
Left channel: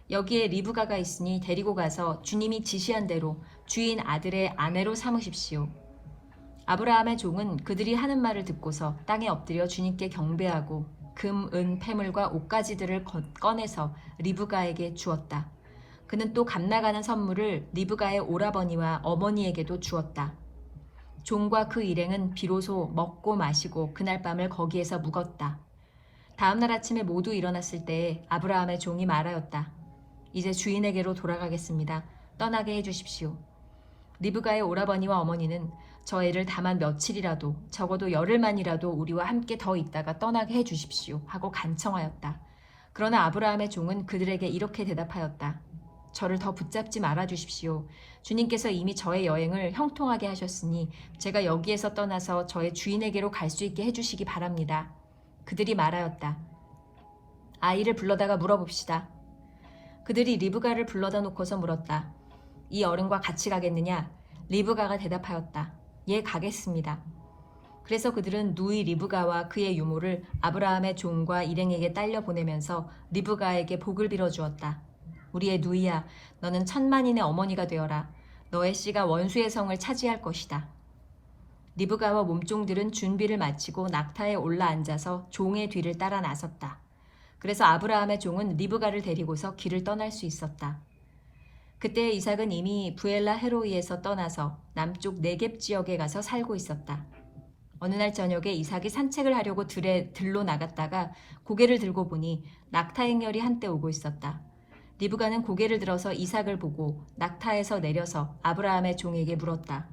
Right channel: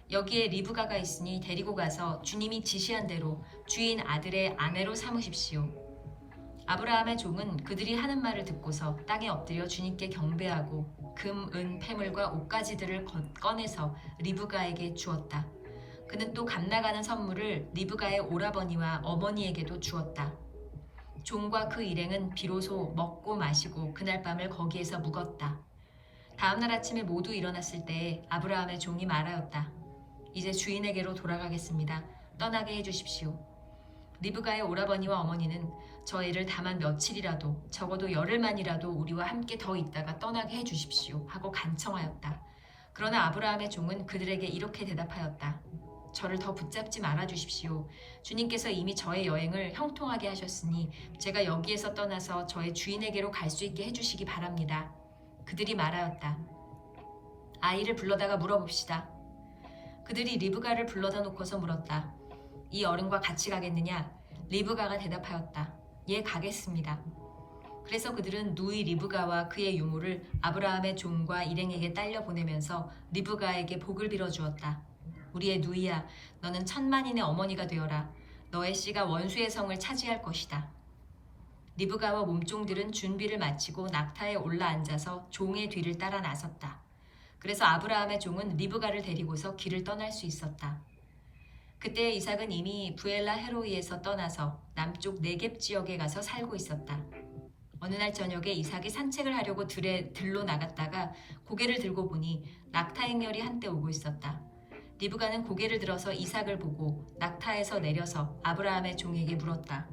여기에 리브가가 있으니 데리고 가서 주님이 지시한 대로 주인 아들의 아내로 삼으십시오. 아브라함의 종은 그들이 하는 말을 듣고서 땅에 엎드려 주님께 경배하고 금, 은, 패물과 옷가지들을 꺼내서 리브가에게 주었다. 그는 또 값나가는 선물을 리브가의 오라버니와 어머니에게도 주었다. 종과 그 일행은 비로소 먹고 마시고 그날 밤을 거기에서 묵었다. 다음날 아침에 모두 일어났을 때에 아브라함의 종이 말하였다. 이제 주인에게로 돌아가겠습니다. 떠나게 해주십시오. 리브가의 오라버니와 어머니는 저 애를 다만 며칠이라도 적어도 열흘만이라도 우리와 함께 더 있다가 떠나게 해주십시오 하고 간청하였다. 그러나 아브라함의 종은 그들에게 이렇게 대답하였다. 저를 더 붙잡지 말아주십시오. 주님께서 이미 저의 여행을 형통하게 하셨으니 제가 여기에서 떠나서 저의 주인에게로 갈 수 있게 해주시기 바랍니다. 그들이 말하였다. 아이를 불러다가 물어봅시다. 그들이 리브가를 불러다 놓고서 물었다. 이 어른과 같이 가겠느냐? 리브가가 대답하였다. 예, 가겠습니다. 그래서 그들은 누이 리브가와 그의 유모를 아브라함의 종과 일행에게 딸려 보내면서 리브가에게 복을 빌어주었다. 우리의 누이야, 너는 천만인의 어머니가 되어라. 너의 씨가 원수의 성을 차지할 것이다. 리브가와 몸종들은 준비를 마치고 낙타에 올라앉아서 종의 뒤를 따라 나섰다. 그래서 아브라함의 종은 리브가를 데리고서 길을 떠날 수 있었다. 그때 이삭은 이미 부엘라 헤로이에서 떠나서 남쪽 네겝 지역에 가서 살고 있었다. 어느 날 저녁에 이삭이 산책을 하려고 들로 나갔다가 고개를 들고 보니 낙타 행렬이 한때 오고 있었다. 리브가는 고개를 들어서 이삭을 보고 낙타에서 내려서 아브라함의 종에게 물었다.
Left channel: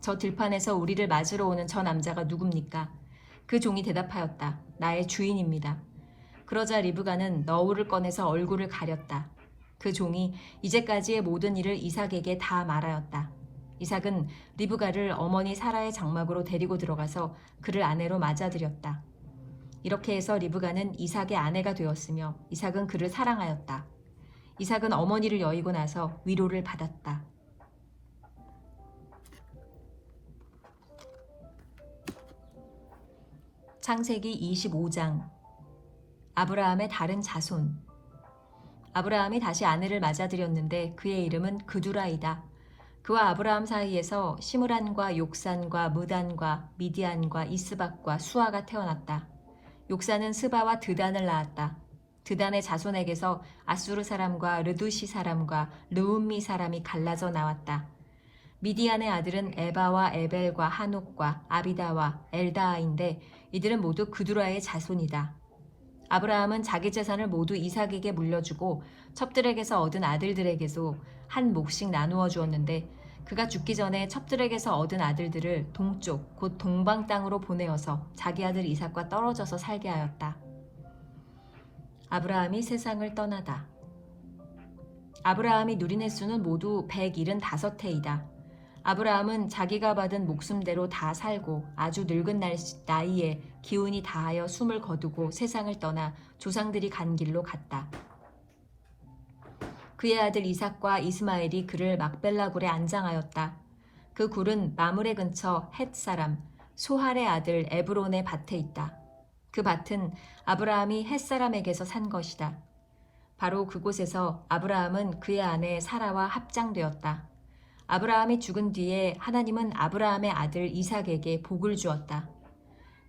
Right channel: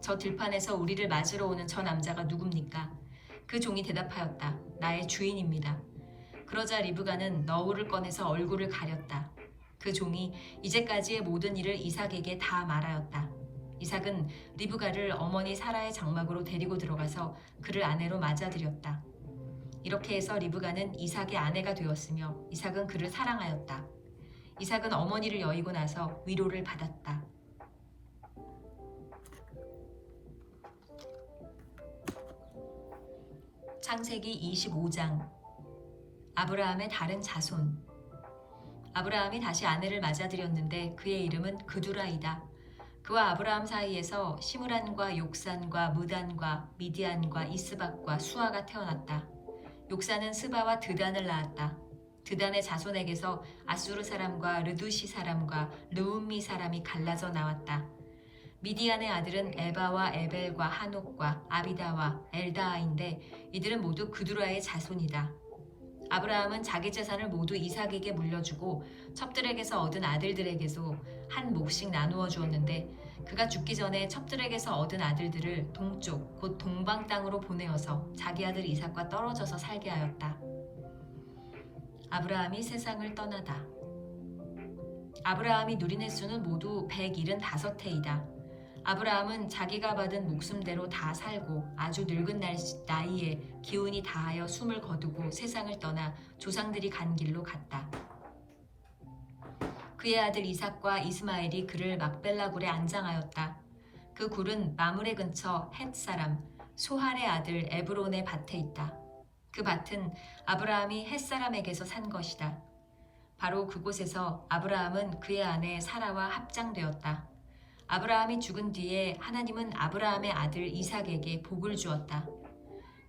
저 들판에서 우리를 맞으러 오는 저 남자가 누굽니까? 그 종이 대답하였다. 나의 주인입니다. 그러자 리브가는 너울을 꺼내서 얼굴을 가렸다. 그 종이 이제까지의 모든 일을 이삭에게 다 말하였다. 이삭은 리브가를 어머니 사라의 장막으로 데리고 들어가서 그를 아내로 맞아들였다. 이렇게 해서 리브가는 이삭의 아내가 되었으며 이삭은 그를 사랑하였다. 이삭은 어머니를 여의고 나서 위로를 받았다. 창세기 25장. 아브라함의 다른 자손. 아브라함이 다시 아내를 맞아들였는데 그의 이름은 그두라이다. 그와 아브라함 사이에서 시므란과 욕산과 무단과 미디안과 이스박과 수아가 태어났다. 욕산은 스바와 드단을 낳았다. 드단의 자손에게서 아수르 사람과 르두시 사람과 르움미 사람이 갈라져 나왔다. 미디안의 아들은 에바와 에벨과 한옥과 아비다와 엘다아인데 이들은 모두 그두라의 자손이다. 아브라함은 자기 재산을 모두 이삭에게 물려주고 첩들에게서 얻은 아들들에게도 한 몫씩 나누어 주었는데 그가 죽기 전에 첩들에게서 얻은 아들들을 동쪽 곧 동방 땅으로 보내어서 자기 아들 이삭과 떨어져서 살게 하였다. 아브라함이 세상을 떠나다. 아브라함이 누린 횟수는 모두 175해이다. 아브라함은 자기가 받은 목숨대로 다 살고 아주 늙은 나이에 기운이 다하여 숨을 거두고 세상을 떠나 조상들이 간 길로 갔다. 그의 아들 이삭과 이스마엘이 그를 막벨라 굴에 안장하였다. 그 굴은 마므레 근처 헷 사람 소할의 아들 에브론의 밭에 있다. 그 밭은 아브라함이 헷 사람에게서 산 것이다. 바로 그곳에서 아브라함은 그의 아내 사라와 합장되었다. 아브라함이 죽은 뒤에 하나님은 아브라함의 아들 이삭에게 복을 주었다.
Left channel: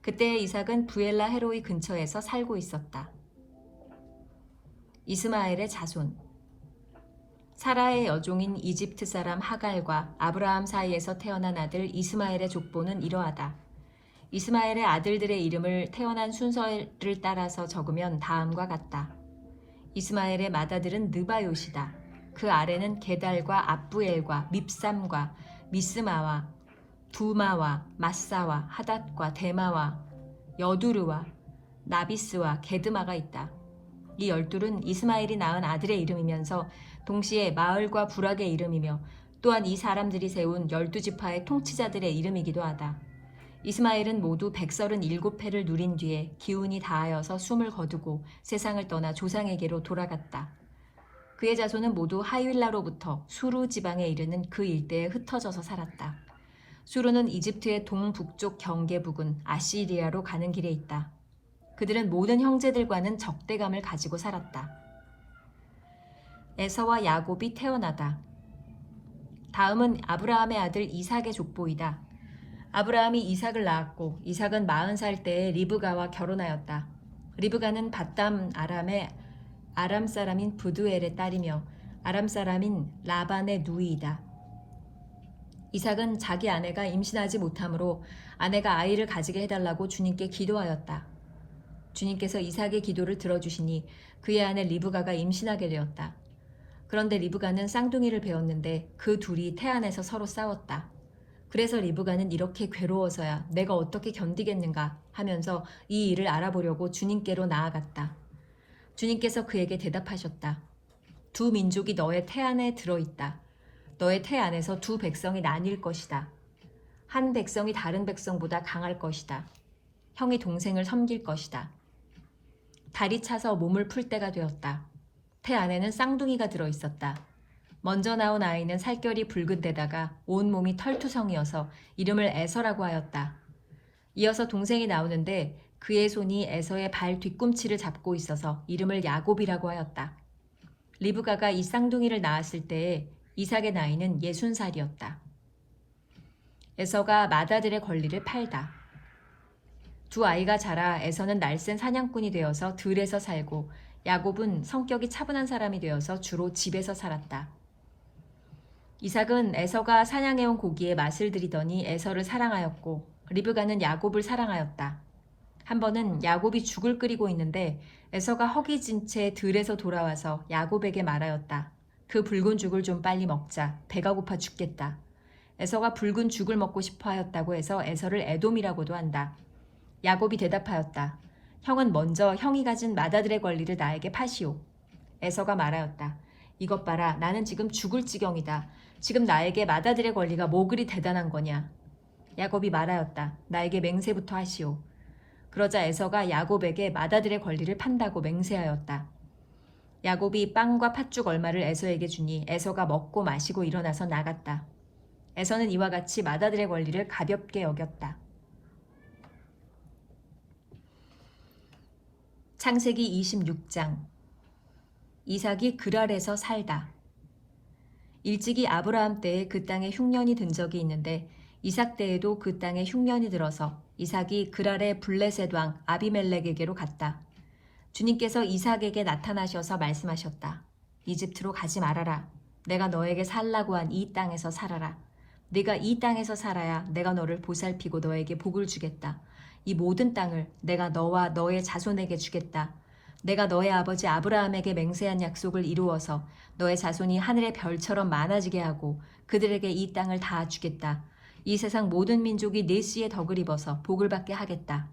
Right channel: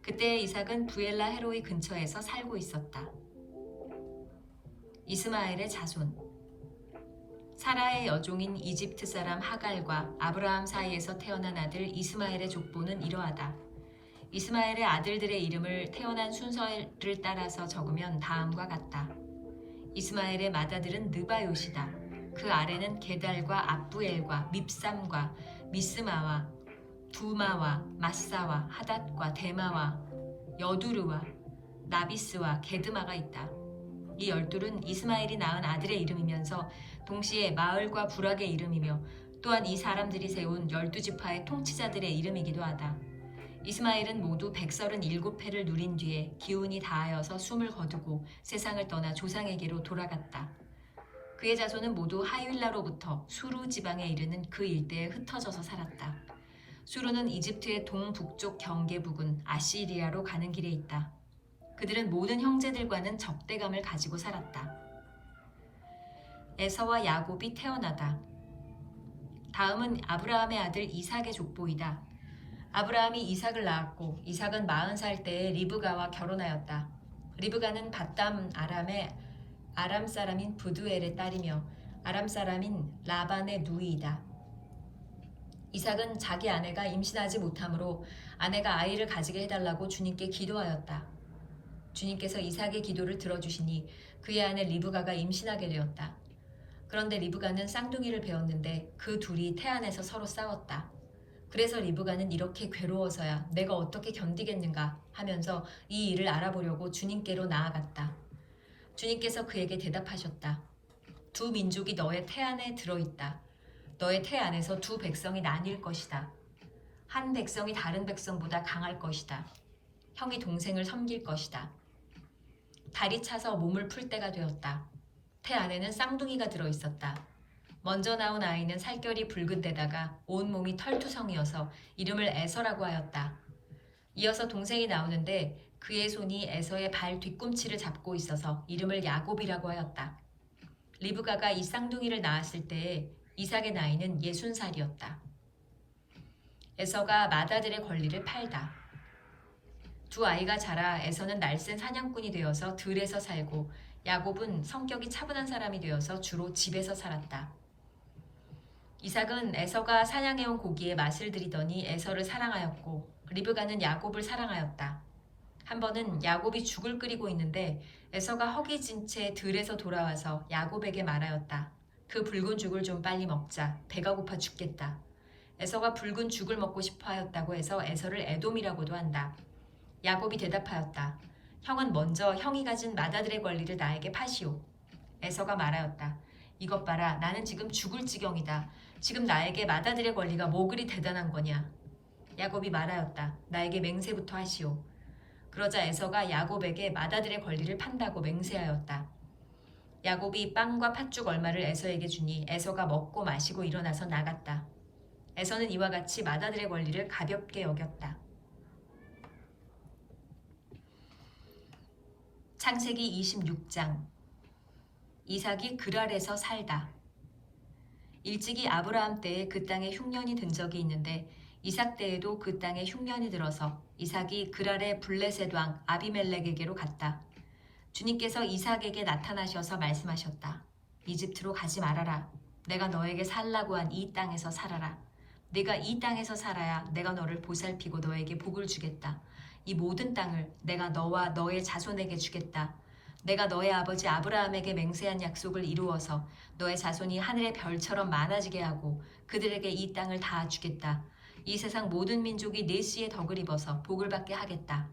그때 이삭은 부엘라 헤로이 근처에서 살고 있었다. 이스마엘의 자손. 사라의 여종인 이집트 사람 하갈과 아브라함 사이에서 태어난 아들 이스마엘의 족보는 이러하다. 이스마엘의 아들들의 이름을 태어난 순서를 따라서 적으면 다음과 같다. 이스마엘의 맏아들은 느바요시다. 그 아래는 게달과 압부엘과 밉삼과 미스마와 두마와 마사와 하닷과 데마와 여두르와 나비스와 게드마가 있다. 이 12은 이스마엘이 낳은 아들의 이름이면서 동시에 마을과 부락의 이름이며 또한 이 사람들이 세운 12지파의 통치자들의 이름이기도 하다. 이스마엘은 모두 137회를 누린 뒤에 기운이 다하여서 숨을 거두고 세상을 떠나 조상에게로 돌아갔다. 그의 자손은 모두 하윌라로부터 수루 지방에 이르는 그 일대에 흩어져서 살았다. 수루는 이집트의 동북쪽 경계 부근 아시리아로 가는 길에 있다. 그들은 모든 형제들과는 적대감을 가지고 살았다. 에서와 야곱이 태어나다. 다음은 아브라함의 아들 이삭의 족보이다. 아브라함이 이삭을 낳았고 이삭은 40살 때에 리브가와 결혼하였다. 리브가는 밧담 아람의 아람 사람인 부두엘의 딸이며 아람 사람인 라반의 누이이다. 이삭은 자기 아내가 임신하지 못하므로 아내가 아이를 가지게 해달라고 주님께 기도하였다. 주님께서 이삭의 기도를 들어주시니 그의 아내 리브가가 임신하게 되었다. 그런데 리브가는 쌍둥이를 배웠는데 그 둘이 태안에서 서로 싸웠다. 그래서 리브가는 이렇게 괴로워서야 내가 어떻게 견디겠는가 하면서 이 일을 알아보려고 주님께로 나아갔다. 주님께서 그에게 대답하셨다. 두 민족이 너의 태 안에 들어있다. 너의 태 안에서 두 백성이 나뉠 것이다. 한 백성이 다른 백성보다 강할 것이다. 형이 동생을 섬길 것이다. 달이 차서 몸을 풀 때가 되었다. 태 안에는 쌍둥이가 들어있었다. 먼저 나온 아이는 살결이 붉은 데다가 온몸이 털투성이어서 이름을 에서라고 하였다. 이어서 동생이 나오는데 그의 손이 에서의 발 뒤꿈치를 잡고 있어서 이름을 야곱이라고 하였다. 리브가가 이 쌍둥이를 낳았을 때에 이삭의 나이는 60살이었다. 에서가 맏아들의 권리를 팔다. 두 아이가 자라 에서는 날쌘 사냥꾼이 되어서 들에서 살고 야곱은 성격이 차분한 사람이 되어서 주로 집에서 살았다. 이삭은 에서가 사냥해온 고기에 맛을 들이더니 에서를 사랑하였고 리브가는 야곱을 사랑하였다. 한 번은 야곱이 죽을 끓이고 있는데 에서가 허기진 채 들에서 돌아와서 야곱에게 말하였다. 그 붉은 죽을 좀 빨리 먹자. 배가 고파 죽겠다. 에서가 붉은 죽을 먹고 싶어 하였다고 해서 에서를 에돔이라고도 한다. 야곱이 대답하였다. 형은 먼저 형이 가진 맏아들의 권리를 나에게 파시오. 에서가 말하였다. 이것 봐라. 나는 지금 죽을 지경이다. 지금 나에게 맏아들의 권리가 뭐 그리 대단한 거냐. 야곱이 말하였다. 나에게 맹세부터 하시오. 그러자 에서가 야곱에게 맏아들의 권리를 판다고 맹세하였다. 야곱이 빵과 팥죽 얼마를 에서에게 주니 에서가 먹고 마시고 일어나서 나갔다. 에서는 이와 같이 맏아들의 권리를 가볍게 여겼다. 창세기 26장. 이삭이 그랄에서 살다. 일찍이 아브라함 때에 그 땅에 흉년이 든 적이 있는데 이삭 때에도 그 땅에 흉년이 들어서 이삭이 그랄의 블레셋 왕 아비멜렉에게로 갔다. 주님께서 이삭에게 나타나셔서 말씀하셨다. 이집트로 가지 말아라. 내가 너에게 살라고 한 이 땅에서 살아라. 네가 이 땅에서 살아야 내가 너를 보살피고 너에게 복을 주겠다. 이 모든 땅을 내가 너와 너의 자손에게 주겠다. 내가 너의 아버지 아브라함에게 맹세한 약속을 이루어서 너의 자손이 하늘의 별처럼 많아지게 하고 그들에게 이 땅을 다 주겠다. 이 세상 모든 민족이 내 씨의 덕을 입어서 복을 받게 하겠다.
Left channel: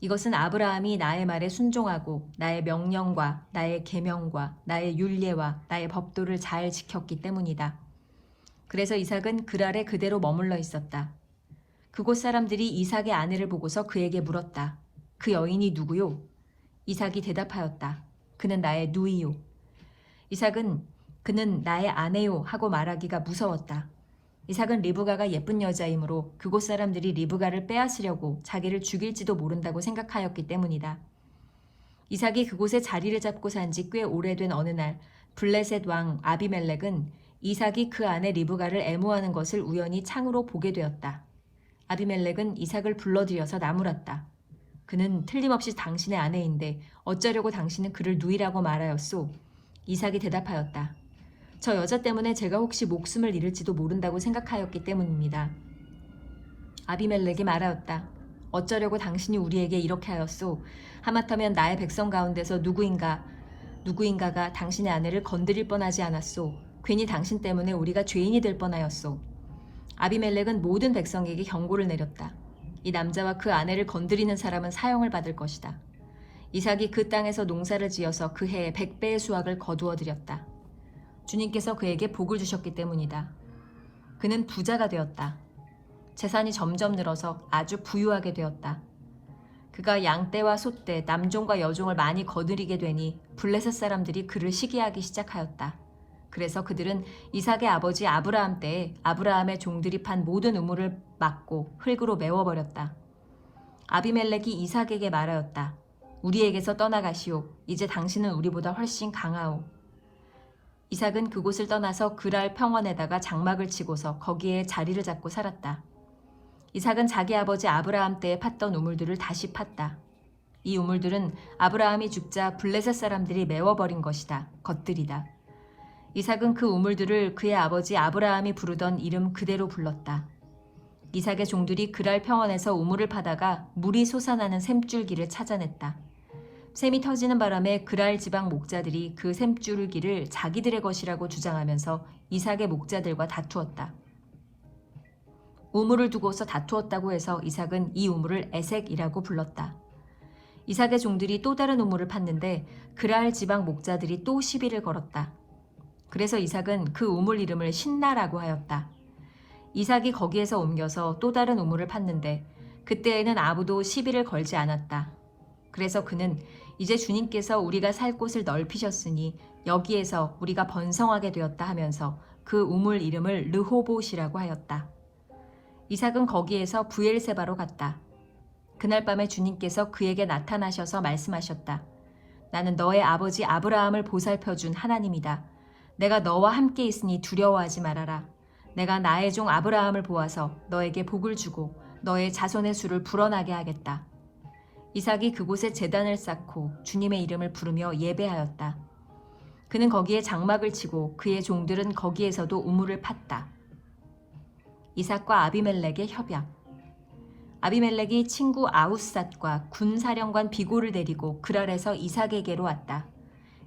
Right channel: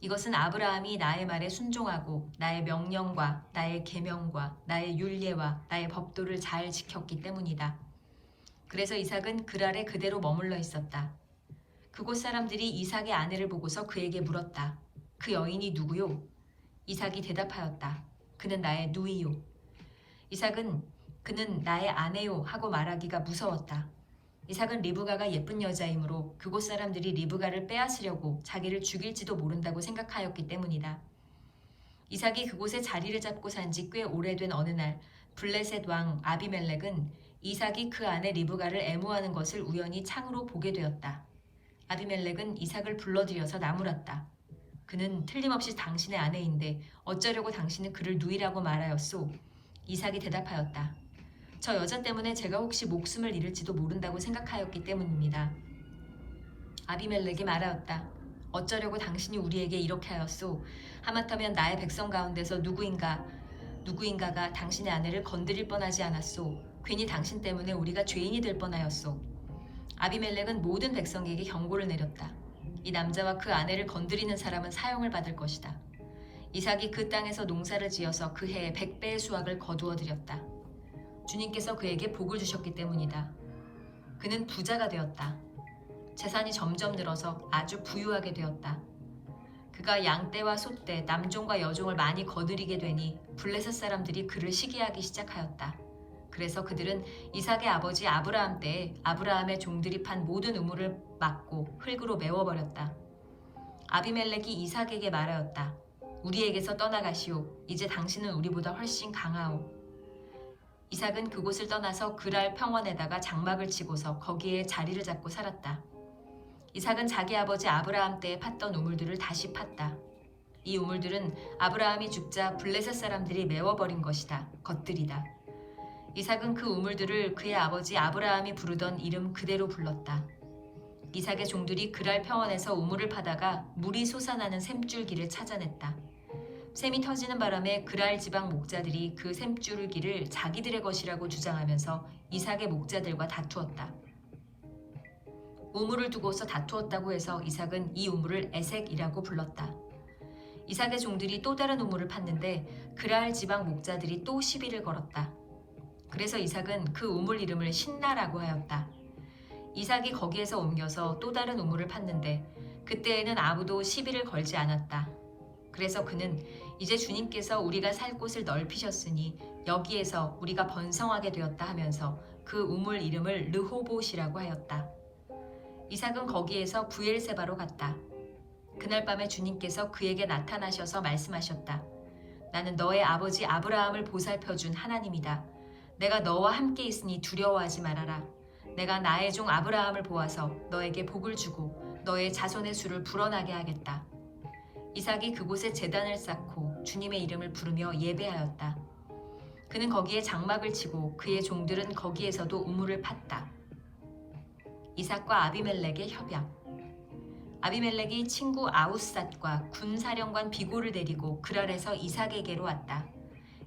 이것은 아브라함이 나의 말에 순종하고 나의 명령과 나의 계명과 나의 율례와 나의 법도를 잘 지켰기 때문이다. 그래서 이삭은 그랄에 그대로 머물러 있었다. 그곳 사람들이 이삭의 아내를 보고서 그에게 물었다. 그 여인이 누구요? 이삭이 대답하였다. 그는 나의 누이요. 이삭은 그는 나의 아내요 하고 말하기가 무서웠다. 이삭은 리브가가 예쁜 여자이므로 그곳 사람들이 리브가를 빼앗으려고 자기를 죽일지도 모른다고 생각하였기 때문이다. 이삭이 그곳에 자리를 잡고 산 지 꽤 오래된 어느 날 블레셋 왕 아비멜렉은 이삭이 그 아내 리브가를 애무하는 것을 우연히 창으로 보게 되었다. 아비멜렉은 이삭을 불러들여서 나무랐다. 그는 틀림없이 당신의 아내인데 어쩌려고 당신은 그를 누이라고 말하였소? 이삭이 대답하였다. 저 여자 때문에 제가 혹시 목숨을 잃을지도 모른다고 생각하였기 때문입니다. 아비멜렉이 말하였다. 어쩌려고 당신이 우리에게 이렇게 하였소? 하마터면 나의 백성 가운데서 누구인가가 당신의 아내를 건드릴 뻔하지 않았소? 괜히 당신 때문에 우리가 죄인이 될 뻔하였소. 아비멜렉은 모든 백성에게 경고를 내렸다. 이 남자와 그 아내를 건드리는 사람은 사형을 받을 것이다. 이삭이 그 땅에서 농사를 지어서 그 해에 100배의 수확을 거두어 들였다. 주님께서 그에게 복을 주셨기 때문이다. 그는 부자가 되었다. 재산이 점점 늘어서 아주 부유하게 되었다. 그가 양떼와 소떼, 남종과 여종을 많이 거느리게 되니 블레셋 사람들이 그를 시기하기 시작하였다. 그래서 그들은 이삭의 아버지 아브라함 때에 아브라함의 종들이 판 모든 우물을 막고 흙으로 메워버렸다. 아비멜렉이 이삭에게 말하였다. 우리에게서 떠나가시오. 이제 당신은 우리보다 훨씬 강하오. 이삭은 그곳을 떠나서 그랄 평원에다가 장막을 치고서 거기에 자리를 잡고 살았다. 이삭은 자기 아버지 아브라함 때에 팠던 우물들을 다시 팠다. 이 우물들은 아브라함이 죽자 블레셋 사람들이 메워버린 것이다. 것들이다. 이삭은 그 우물들을 그의 아버지 아브라함이 부르던 이름 그대로 불렀다. 이삭의 종들이 그랄 평원에서 우물을 파다가 물이 솟아나는 샘줄기를 찾아냈다. 샘이 터지는 바람에 그랄 지방 목자들이 그 샘줄기를 자기들의 것이라고 주장하면서 이삭의 목자들과 다투었다. 우물을 두고서 다투었다고 해서 이삭은 이 우물을 에색이라고 불렀다. 이삭의 종들이 또 다른 우물을 팠는데 그랄 지방 목자들이 또 시비를 걸었다. 그래서 이삭은 그 우물 이름을 신나라고 하였다. 이삭이 거기에서 옮겨서 또 다른 우물을 팠는데 그때에는 아무도 시비를 걸지 않았다. 그래서 그는 이제 주님께서 우리가 살 곳을 넓히셨으니 여기에서 우리가 번성하게 되었다 하면서 그 우물 이름을 르호봇이라고 하였다. 이삭은 거기에서 브엘세바로 갔다. 그날 밤에 주님께서 그에게 나타나셔서 말씀하셨다. 나는 너의 아버지 아브라함을 보살펴준 하나님이다. 내가 너와 함께 있으니 두려워하지 말아라. 내가 나의 종 아브라함을 보아서 너에게 복을 주고 너의 자손의 수를 불어나게 하겠다. 이삭이 그곳에 제단을 쌓고 주님의 이름을 부르며 예배하였다. 그는 거기에 장막을 치고 그의 종들은 거기에서도 우물을 팠다. 이삭과 아비멜렉의 협약. 아비멜렉이 친구 아우삿과 군사령관 비골을 데리고 그랄에서 이삭에게로 왔다.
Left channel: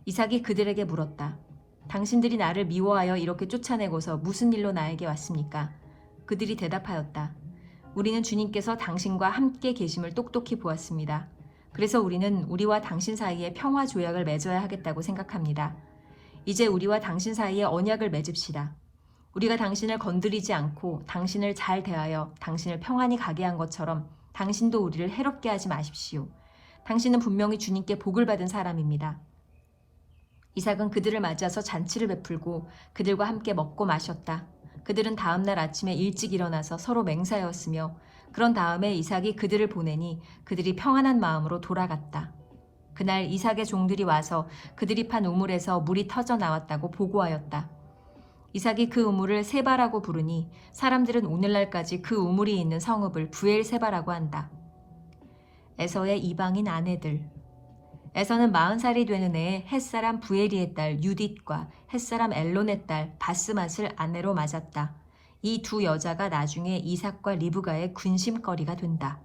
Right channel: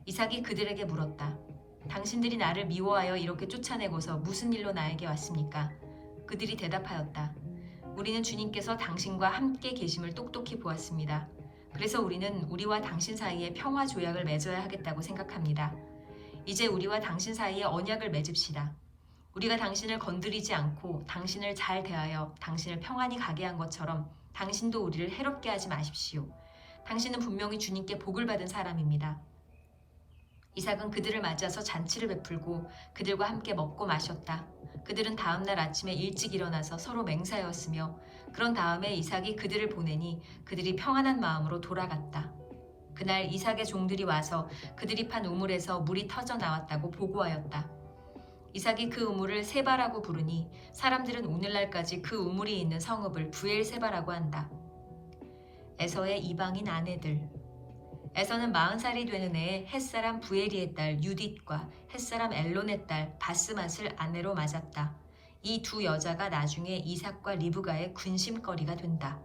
이삭이 그들에게 물었다. 당신들이 나를 미워하여 이렇게 쫓아내고서 무슨 일로 나에게 왔습니까? 그들이 대답하였다. 우리는 주님께서 당신과 함께 계심을 똑똑히 보았습니다. 그래서 우리는 우리와 당신 사이에 평화 조약을 맺어야 하겠다고 생각합니다. 이제 우리와 당신 사이에 언약을 맺읍시다. 우리가 당신을 건드리지 않고 당신을 잘 대하여 당신을 평안히 가게 한 것처럼 당신도 우리를 해롭게 하지 마십시오. 당신은 분명히 주님께 복을 받은 사람입니다. 이삭은 그들을 맞이해서 잔치를 베풀고 그들과 함께 먹고 마셨다. 그들은 다음날 아침에 일찍 일어나서 서로 맹사였으며 그런 다음에 이삭이 그들을 보내니 그들이 평안한 마음으로 돌아갔다. 그날 이삭의 종들이 와서 그들이 판 우물에서 물이 터져 나왔다고 보고하였다. 이삭이 그 우물을 세바라고 부르니 사람들은 오늘날까지 그 우물이 있는 성읍을 브엘세바라고 한다. 에서의 이방인 아내들. 에서는 40살이 되는 해에 햇사람 부에리의 딸 유딧과 햇사람 엘론의 딸 바스맛을 아내로 맞았다. 이 두 여자가 나중에 이삭과 리브가의 군심거리가 된다.